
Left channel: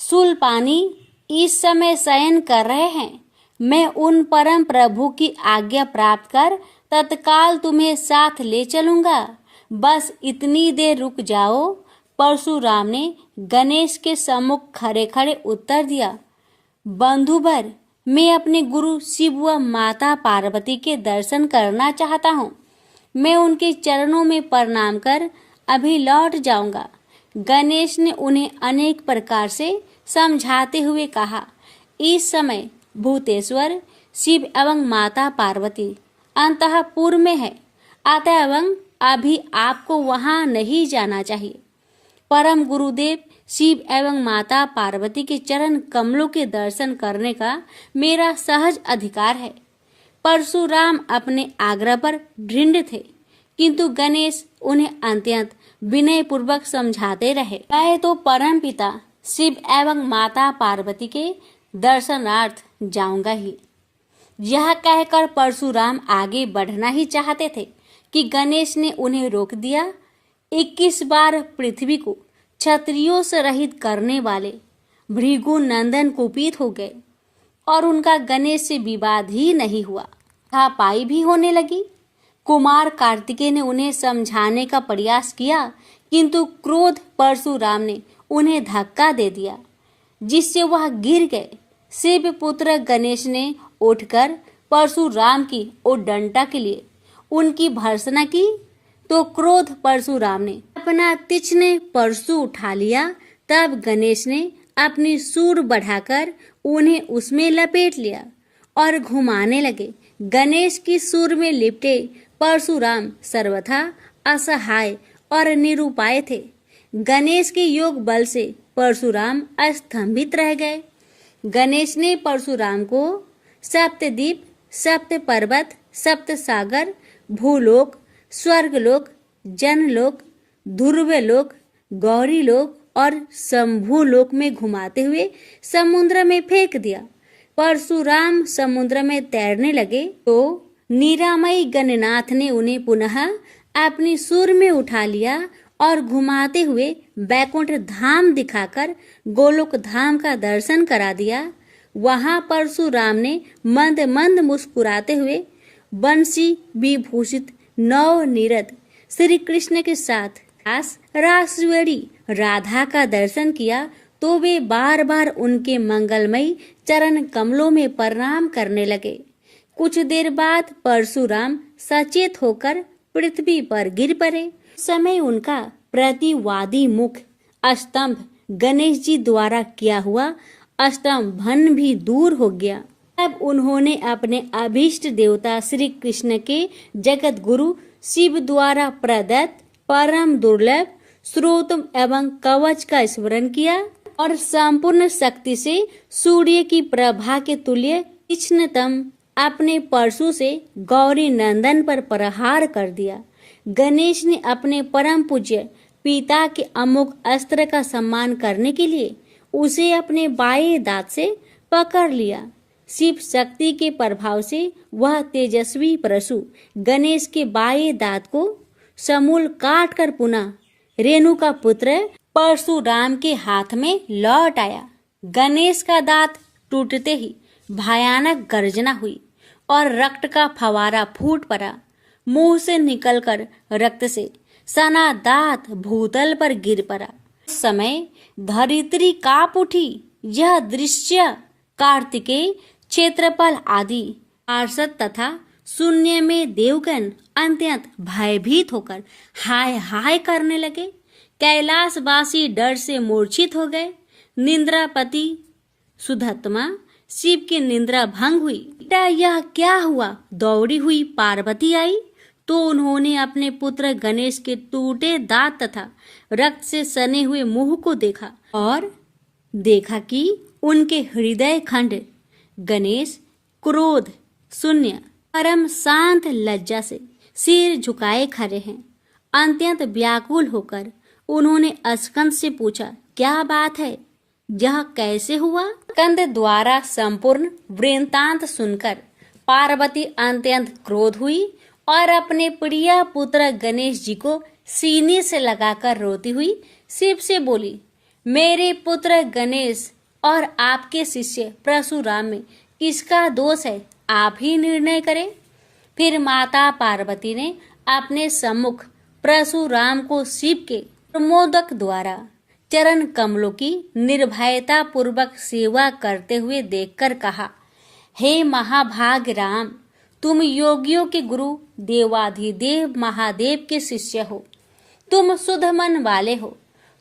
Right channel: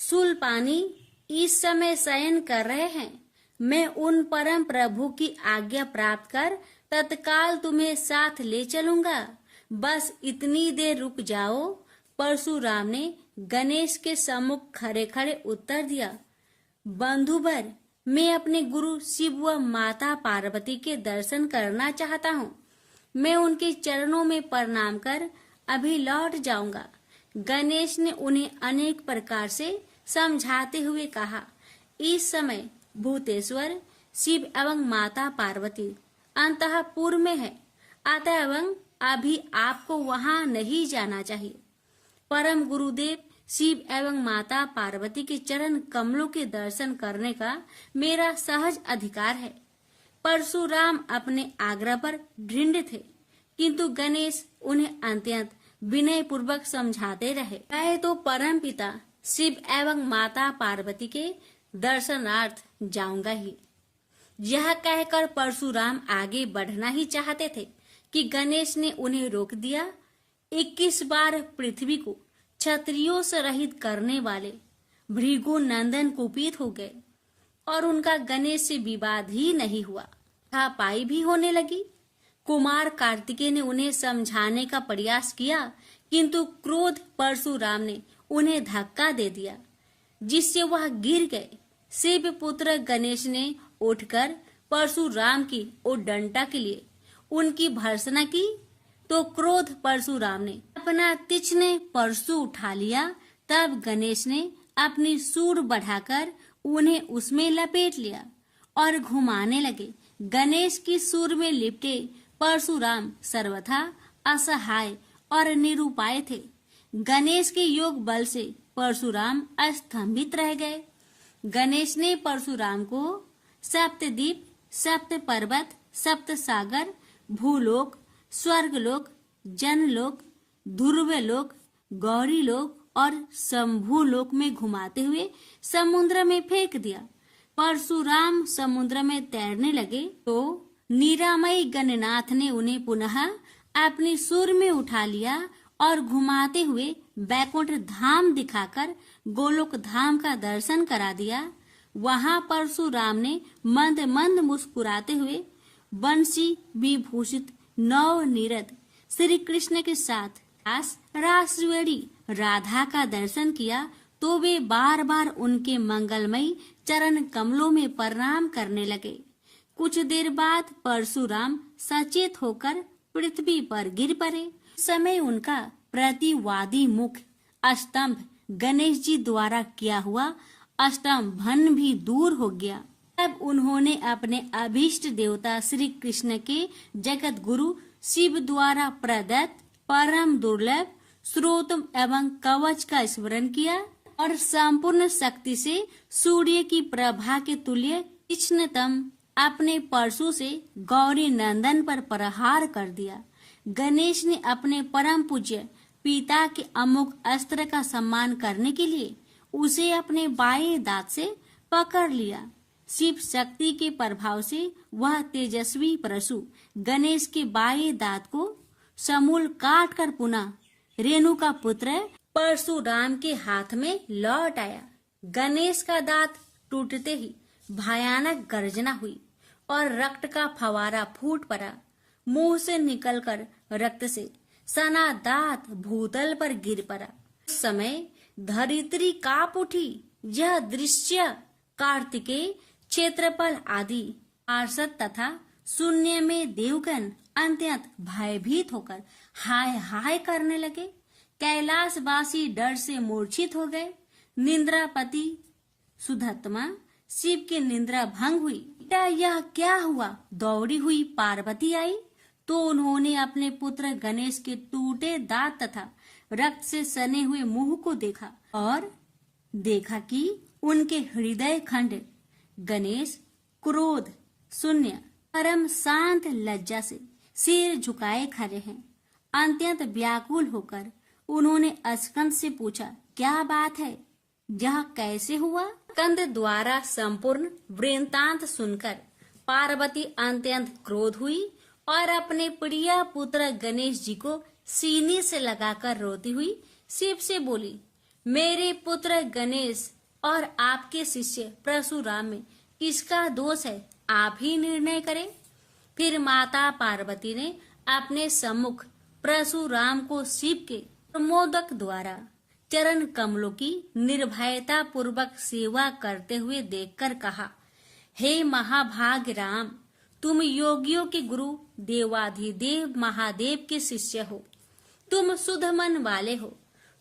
शूलपाणी इस समय शयन कर रहे हैं। मैं उन परम प्रभु की आज्ञा प्राप्त कर तत्काल तुम्हें साथ ले चलूंगा। बस इतनी देर रुक जाओ। परशुराम ने गणेश के सम्मुख खड़े खड़े उत्तर दिया, बंधुवर, मैं अपने गुरु शिव व माता पार्वती के दर्शन करना चाहता हूँ। मैं उनके चरणों में प्रणाम कर अभी लौट जाऊंगा। गणेश ने उन्हें अनेक प्रकार से समझाते हुए कहा, इस समय भूतेश्वर शिव एवं माता पार्वती अंतःपुर में है, अतः अभी आपको वहां नहीं जाना चाहिए। परम गुरुदेव शिव एवं माता पार्वती के चरण कमलों के दर्शन करने का मेरा सहज अधिकार है। परशुराम अपने आग्रह पर दृढ़ थे, किंतु गणेश उन्हें अत्यंत विनय पूर्वक समझाते रहे। मैं तो परम पिता शिव एवं माता पार्वती के दर्शनार्थ जाऊंगा ही। यह कहकर परशुराम आगे बढ़ना ही चाहते थे कि गणेश ने उन्हें रोक दिया। 21 बार पृथ्वी को क्षत्रियों से रहित करने वाले भृगु नंदन कुपित हो गए और उनका गणेश से विवाद ही नहीं हुआ, हाथापाई भी होने लगी। कुमार कार्तिकेय ने उन्हें समझाने का प्रयास किया, किंतु क्रोध परशुराम ने उन्हें धक्का दे दिया, जिससे वह गिर गए। शिव पुत्र गणेश ने उठकर परशुराम की ओर डंडा के लिए उनकी भर्त्सना की, तो क्रोध परशुराम ने अपना तीक्ष्ण परशु उठा लिया। तब गणेश ने अपनी सूंड बढ़ाकर उन्हें उसमें लपेट लिया और घुमाने लगे। गणेश की सूंड में लिपटे परशुराम सर्वथा असहाय और निरुपाय थे। गणेश के योग बल से परशुराम अस्तंभित रह गए। गणेश ने परशुराम को सप्तद्वीप, सप्त पर्वत, सप्त सागर, भूलोक, स्वर्गलोक, जनलोक, ध्रुवलोक, गौरीलोक और शंभुलोक में घुमाते हुए समुद्र में फेंक दिया। परशुराम समुद्र में तैरने लगे तो निरामयी गणनाथ ने उन्हें पुनः अपनी सूंड में उठा लिया और घुमाते हुए बैकुंठ धाम दिखाकर गोलोक धाम का दर्शन करा दिया। वहां परशुराम ने मंद मंद मुस्कुराते हुए बंसी विभूषित नव निरत श्री कृष्ण के साथ रासवेणी राधा का दर्शन किया, तो वे बार बार उनके मंगलमयी चरण कमलों में प्रणाम करने लगे। कुछ देर बाद परशुराम सचेत होकर पृथ्वी पर गिर पड़े। समय उनका प्रतिवादी मुख स्तंभ गणेश जी द्वारा किया हुआ स्तंभन भी दूर हो गया। तब उन्होंने अपने अभीष्ट देवता श्री कृष्ण के जगत गुरु शिव द्वारा प्रदत्त परम दुर्लभ स्रोत एवं कवच का स्मरण किया और संपूर्ण शक्ति से सूर्य की प्रभा के तुल्य तीक्ष्णतम अपने परशु से गौरी नंदन पर प्रहार कर दिया। गणेश ने अपने परम पूज्य पिता के अमोघ अस्त्र का सम्मान करने के लिए उसे अपने बाएं दांत से पकड़ लिया। शिव शक्ति के प्रभाव से वह तेजस्वी परशु गणेश के बाएं दांत को समूल काट कर पुनः रेणु का पुत्र परशुराम के हाथ में लौट आया। गणेश का दांत टूटते ही भयानक गर्जना हुई और रक्त का फवारा फूट पड़ा। मुंह से निकलकर रक्त से सना दांत भूतल पर गिर पड़ा। उस समय धरित्री कांप उठी। यह दृश्य कार्तिकेय, क्षेत्रपाल आदि पार्षद तथा शून्य में देवगण अत्यंत भयभीत होकर हाय हाय करने लगे। कैलाशवासी डर से मूर्छित हो गए। निंद्रापति सुधत्मा शिव की निंद्रा भंग हुई। बेटा यह क्या हुआ? दौड़ी हुई पार्वती आई तो उन्होंने अपने पुत्र गणेश के टूटे दांत तथा रक्त से सने हुए मुंह को देखा और देखा कि उनके हृदय खंड गणेश क्रोध शून्य परम शांत लज्जा से सिर झुकाए खड़े हैं। अत्यंत व्याकुल होकर उन्होंने स्कंद से पूछा, क्या बात है? यह कैसे हुआ? स्कंद द्वारा संपूर्ण वृत्तांत सुनकर पार्वती अत्यंत क्रोध हुई और अपने प्रिय पुत्र गणेश जी को सीने से लगाकर रोती हुई शिव से बोली, मेरे पुत्र गणेश और आपके शिष्य परशुराम में किसका दोष है? आप ही निर्णय करें। फिर माता पार्वती ने अपने सम्मुख परशुराम को शिव के प्रमोदक द्वारा चरण कमलों की निर्भयता पूर्वक सेवा करते हुए देखकर कहा, हे महाभाग राम, तुम योगियों के गुरु देवाधिदेव महादेव के शिष्य हो। तुम शुद्ध मन वाले हो।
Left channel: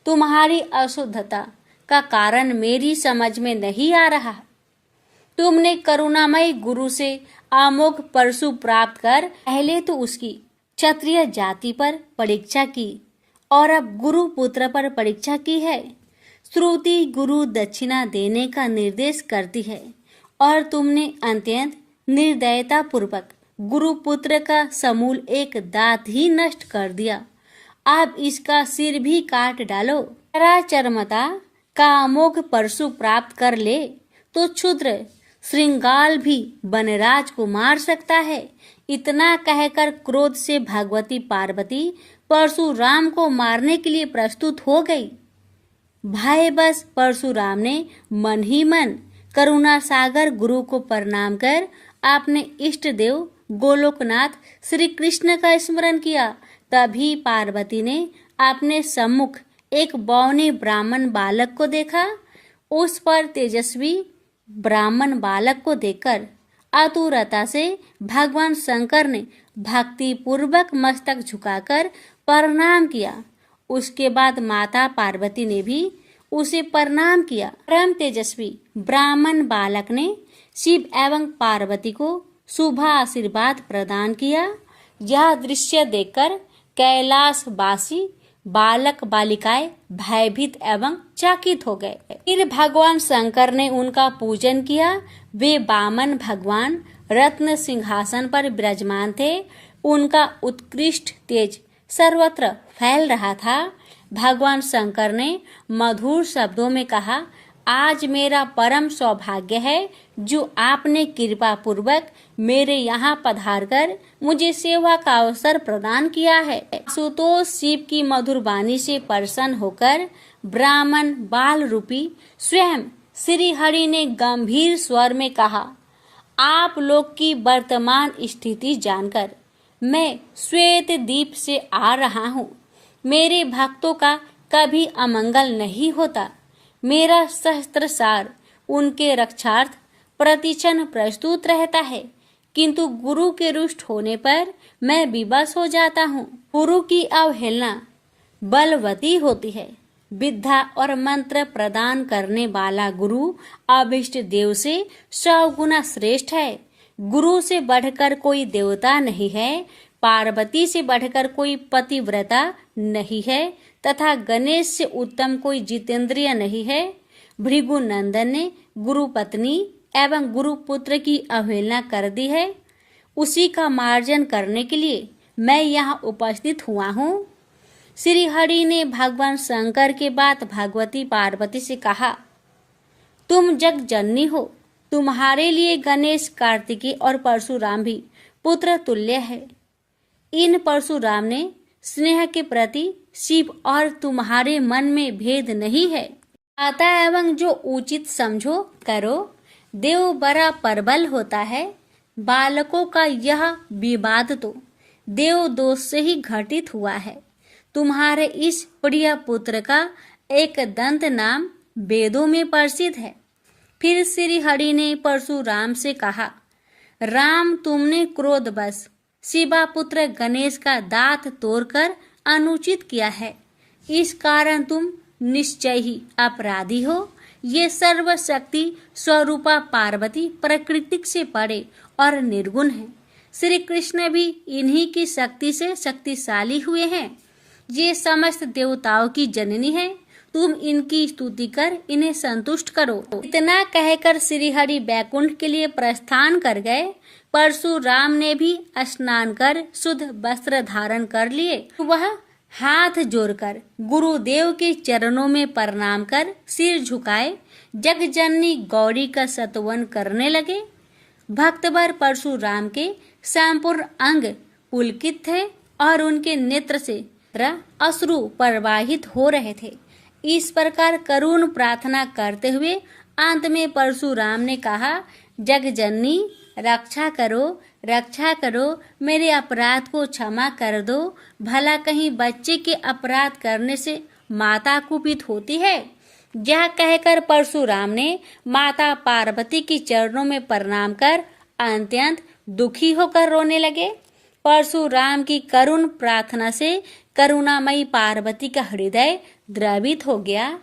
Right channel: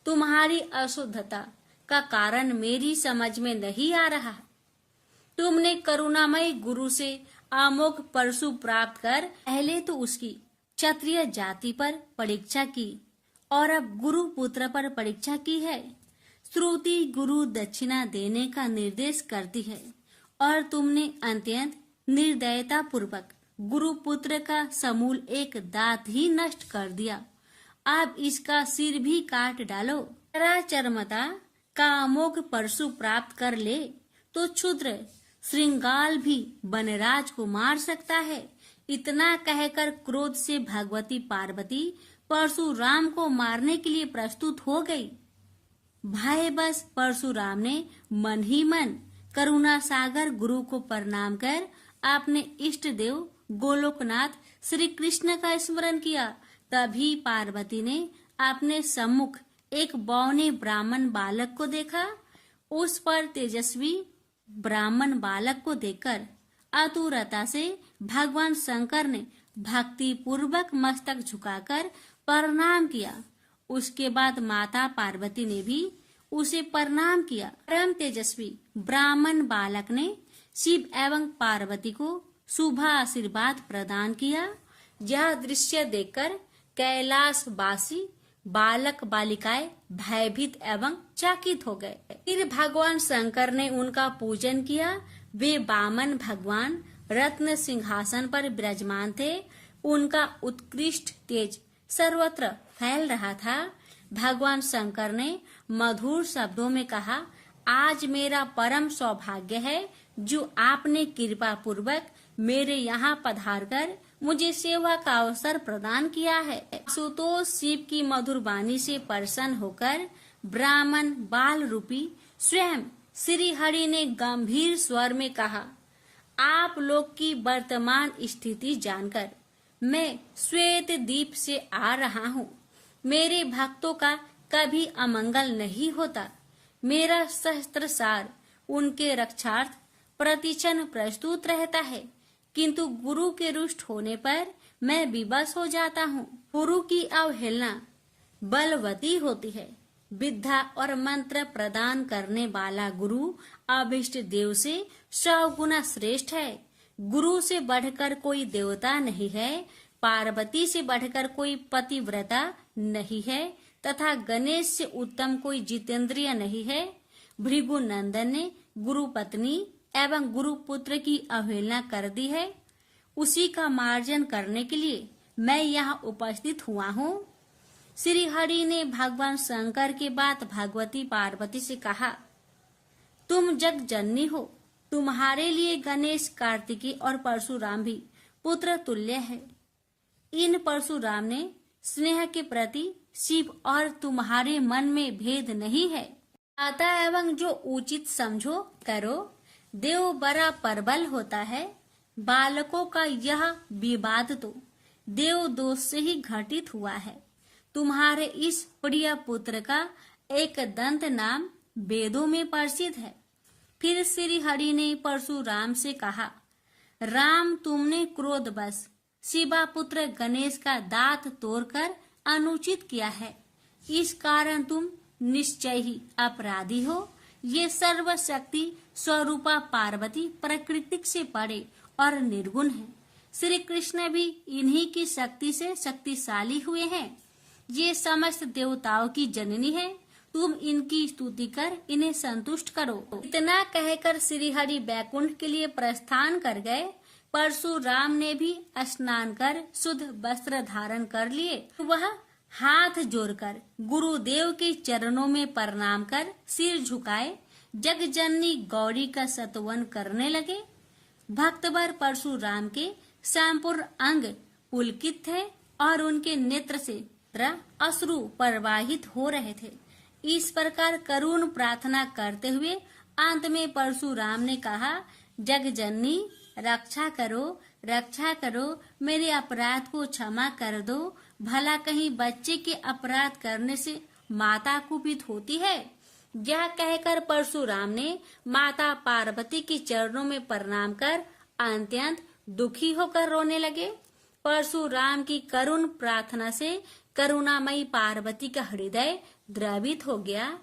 तुम्हारी अशुद्धता का कारण मेरी समझ में नहीं आ रहा। तुमने करुणामय गुरु से अमोघ परशु प्राप्त कर पहले तो उसकी क्षत्रिय जाति पर परीक्षा की और अब गुरु पुत्र पर परीक्षा की है। श्रुति गुरु दक्षिणा देने का निर्देश करती है और तुमने अत्यंत निर्दयता पूर्वक गुरु पुत्र का समूल एक दांत ही नष्ट कर दिया। अब इसका सिर भी काट डालो। चरमता का अमोघ परशु प्राप्त कर ले तो क्षुद्र श्रृंगाल भी वनराज को मार सकता है। इतना कहकर क्रोध से भगवती पार्वती परशुराम को मारने के लिए प्रस्तुत हो गई। भय बस परशुराम ने मन ही मन करुणा सागर गुरु को प्रणाम कर अपने इष्ट देव गोलोकनाथ श्री कृष्ण का स्मरण किया। तभी पार्वती ने अपने सम्मुख एक बौने ब्राह्मण बालक को देखा। उस पर तेजस्वी ब्राह्मण बालक को देखकर आतुरता से भगवान शंकर ने भक्ति पूर्वक मस्तक झुकाकर प्रणाम किया। उसके बाद माता पार्वती ने भी उसे प्रणाम किया। परम तेजस्वी ब्राह्मण बालक ने शिव एवं पार्वती को शुभ आशीर्वाद प्रदान किया। यह दृश्य देखकर कैलाशवासी बालक बालिकाएं भयभीत एवं चकित हो गए। फिर भगवान शंकर ने उनका पूजन किया। वे वामन भगवान रत्न सिंहासन पर विराजमान थे। उनका उत्कृष्ट तेज सर्वत्र फैल रहा था। भगवान शंकर ने मधुर शब्दों में कहा, आज मेरा परम सौभाग्य है जो आपने कृपा पूर्वक मेरे यहाँ पधारकर मुझे सेवा का अवसर प्रदान किया है। सुतोष शिव की मधुर वाणी से प्रसन्न होकर ब्राह्मण बाल रूपी स्वयं श्री हरि ने गंभीर स्वर में कहा, आप लोग की वर्तमान स्थिति जानकर मैं श्वेत द्वीप से आ रहा हूँ। मेरे भक्तों का कभी अमंगल नहीं होता। मेरा सहस्त्रसार उनके रक्षार्थ प्रतिक्षण प्रस्तुत रहता है, किंतु गुरु के रुष्ट होने पर मैं विवश हो जाता हूँ। गुरु की अवहेलना बलवती होती है। विद्या और मंत्र प्रदान करने वाला गुरु अभिष्ट देव से 100 गुना श्रेष्ठ है। गुरु से बढ़कर कोई देवता नहीं है, पार्वती से बढ़कर कोई पतिव्रता नहीं है तथा गणेश से उत्तम कोई जितेंद्रिय नहीं है। भृगु नंदन ने गुरु पत्नी एवं गुरु पुत्र की अवहेलना कर दी है। उसी का मार्जन करने के लिए मैं यहाँ उपस्थित हुआ हूँ। श्री हरि ने भगवान शंकर के बाद भगवती पार्वती से कहा, तुम जग जननी हो। तुम्हारे लिए गणेश, कार्तिकेय और परशुराम भी पुत्र तुल्य है। इन परशुराम ने स्नेह के प्रति शिव और तुम्हारे मन में भेद नहीं है। आता एवं जो उचित समझो करो। देव बड़ा प्रबल होता है। बालकों का यह विवाद तो देव दोष से ही घटित हुआ है। तुम्हारे इस प्रिय पुत्र का एक दंत नाम वेदों में प्रसिद्ध है। फिर श्री हरि ने परशुराम से कहा, राम, तुमने क्रोधवश शिवा पुत्र गणेश का दांत तोड़कर अनुचित किया है। इस कारण तुम निश्चय ही अपराधी हो। ये सर्वशक्ति स्वरूपा पार्वती प्रकृति से परे और निर्गुण है। श्री कृष्ण भी इन्हीं की शक्ति से शक्तिशाली हुए हैं। ये समस्त देवताओं की जननी है। तुम इनकी स्तुति कर इन्हें संतुष्ट करो। इतना कहकर श्री हरि बैकुंठ के लिए प्रस्थान कर गए। परशुराम ने भी स्नान कर शुद्ध वस्त्र धारण कर लिए। वह हाथ जोड़कर गुरुदेव के चरणों में प्रणाम कर सिर झुकाए जगजननी गौरी का स्तवन करने लगे। भक्तवर परशुराम के संपूर्ण अंग पुलकित थे और उनके नेत्र से अश्रु प्रवाहित हो रहे थे। इस प्रकार करुण प्रार्थना करते हुए अंत में परशुराम ने कहा, जगजननी रक्षा करो, मेरे अपराध को क्षमा कर दो। भला कहीं बच्चे के अपराध करने से माता कुपित होती है। यह कहकर परशुराम ने माता पार्वती के चरणों में प्रणाम कर अत्यंत दुखी होकर रोने लगे। परशुराम की करुण प्रार्थना से करुणामयी पार्वती का हृदय द्रवित हो गया।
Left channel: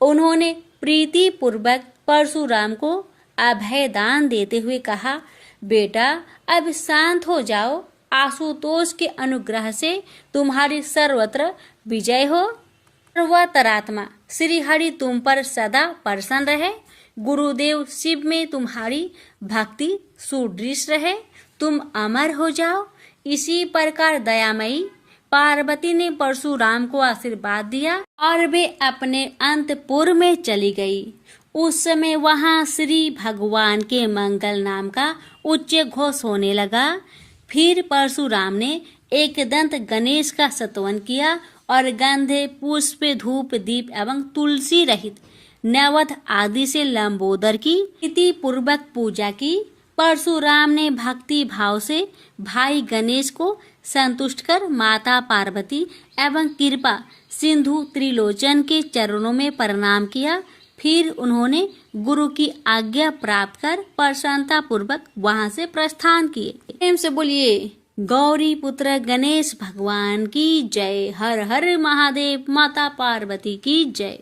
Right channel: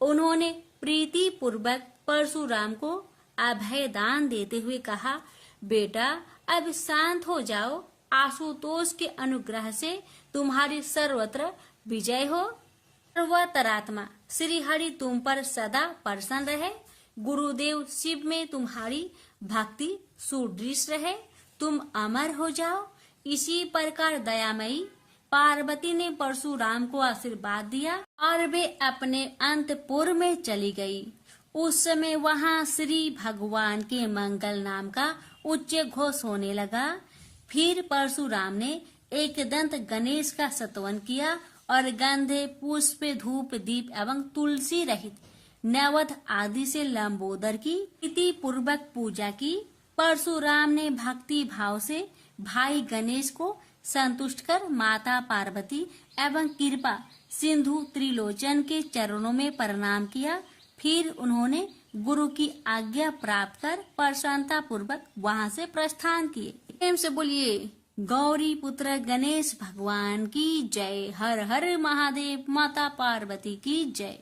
उन्होंने प्रीति पूर्वक परशुराम को अभय दान देते हुए कहा, बेटा अब शांत हो जाओ। आशुतोष के अनुग्रह से तुम्हारी सर्वत्र विजय हो। सर्वतरात्मा श्री हरि तुम पर सदा प्रसन्न रहे। गुरुदेव शिव में तुम्हारी भक्ति सुदृढ़ रहे। तुम अमर हो जाओ। इसी प्रकार दयामयी पार्वती ने परशुराम को आशीर्वाद दिया और वे अपने अंतपुर में चली गई। उस समय वहां श्री भगवान के मंगल नाम का उच्च घोष होने लगा। फिर परशुराम ने एक दंत गणेश का स्तवन किया और गंधे, पुष्प, धूप, दीप एवं तुलसी रहित नैवेद्य आदि से लंबोदर की प्रीति पूर्वक पूजा की। परशुराम ने भक्ति भाव से भाई गणेश को संतुष्ट कर माता पार्वती एवं कृपा सिंधु त्रिलोचन के चरणों में प्रणाम किया। फिर उन्होंने गुरु की आज्ञा प्राप्त कर प्रसन्नता पूर्वक वहां से प्रस्थान किए। प्रेम से बोलिए गौरी पुत्र गणेश भगवान की जय। हर हर महादेव। माता पार्वती की जय।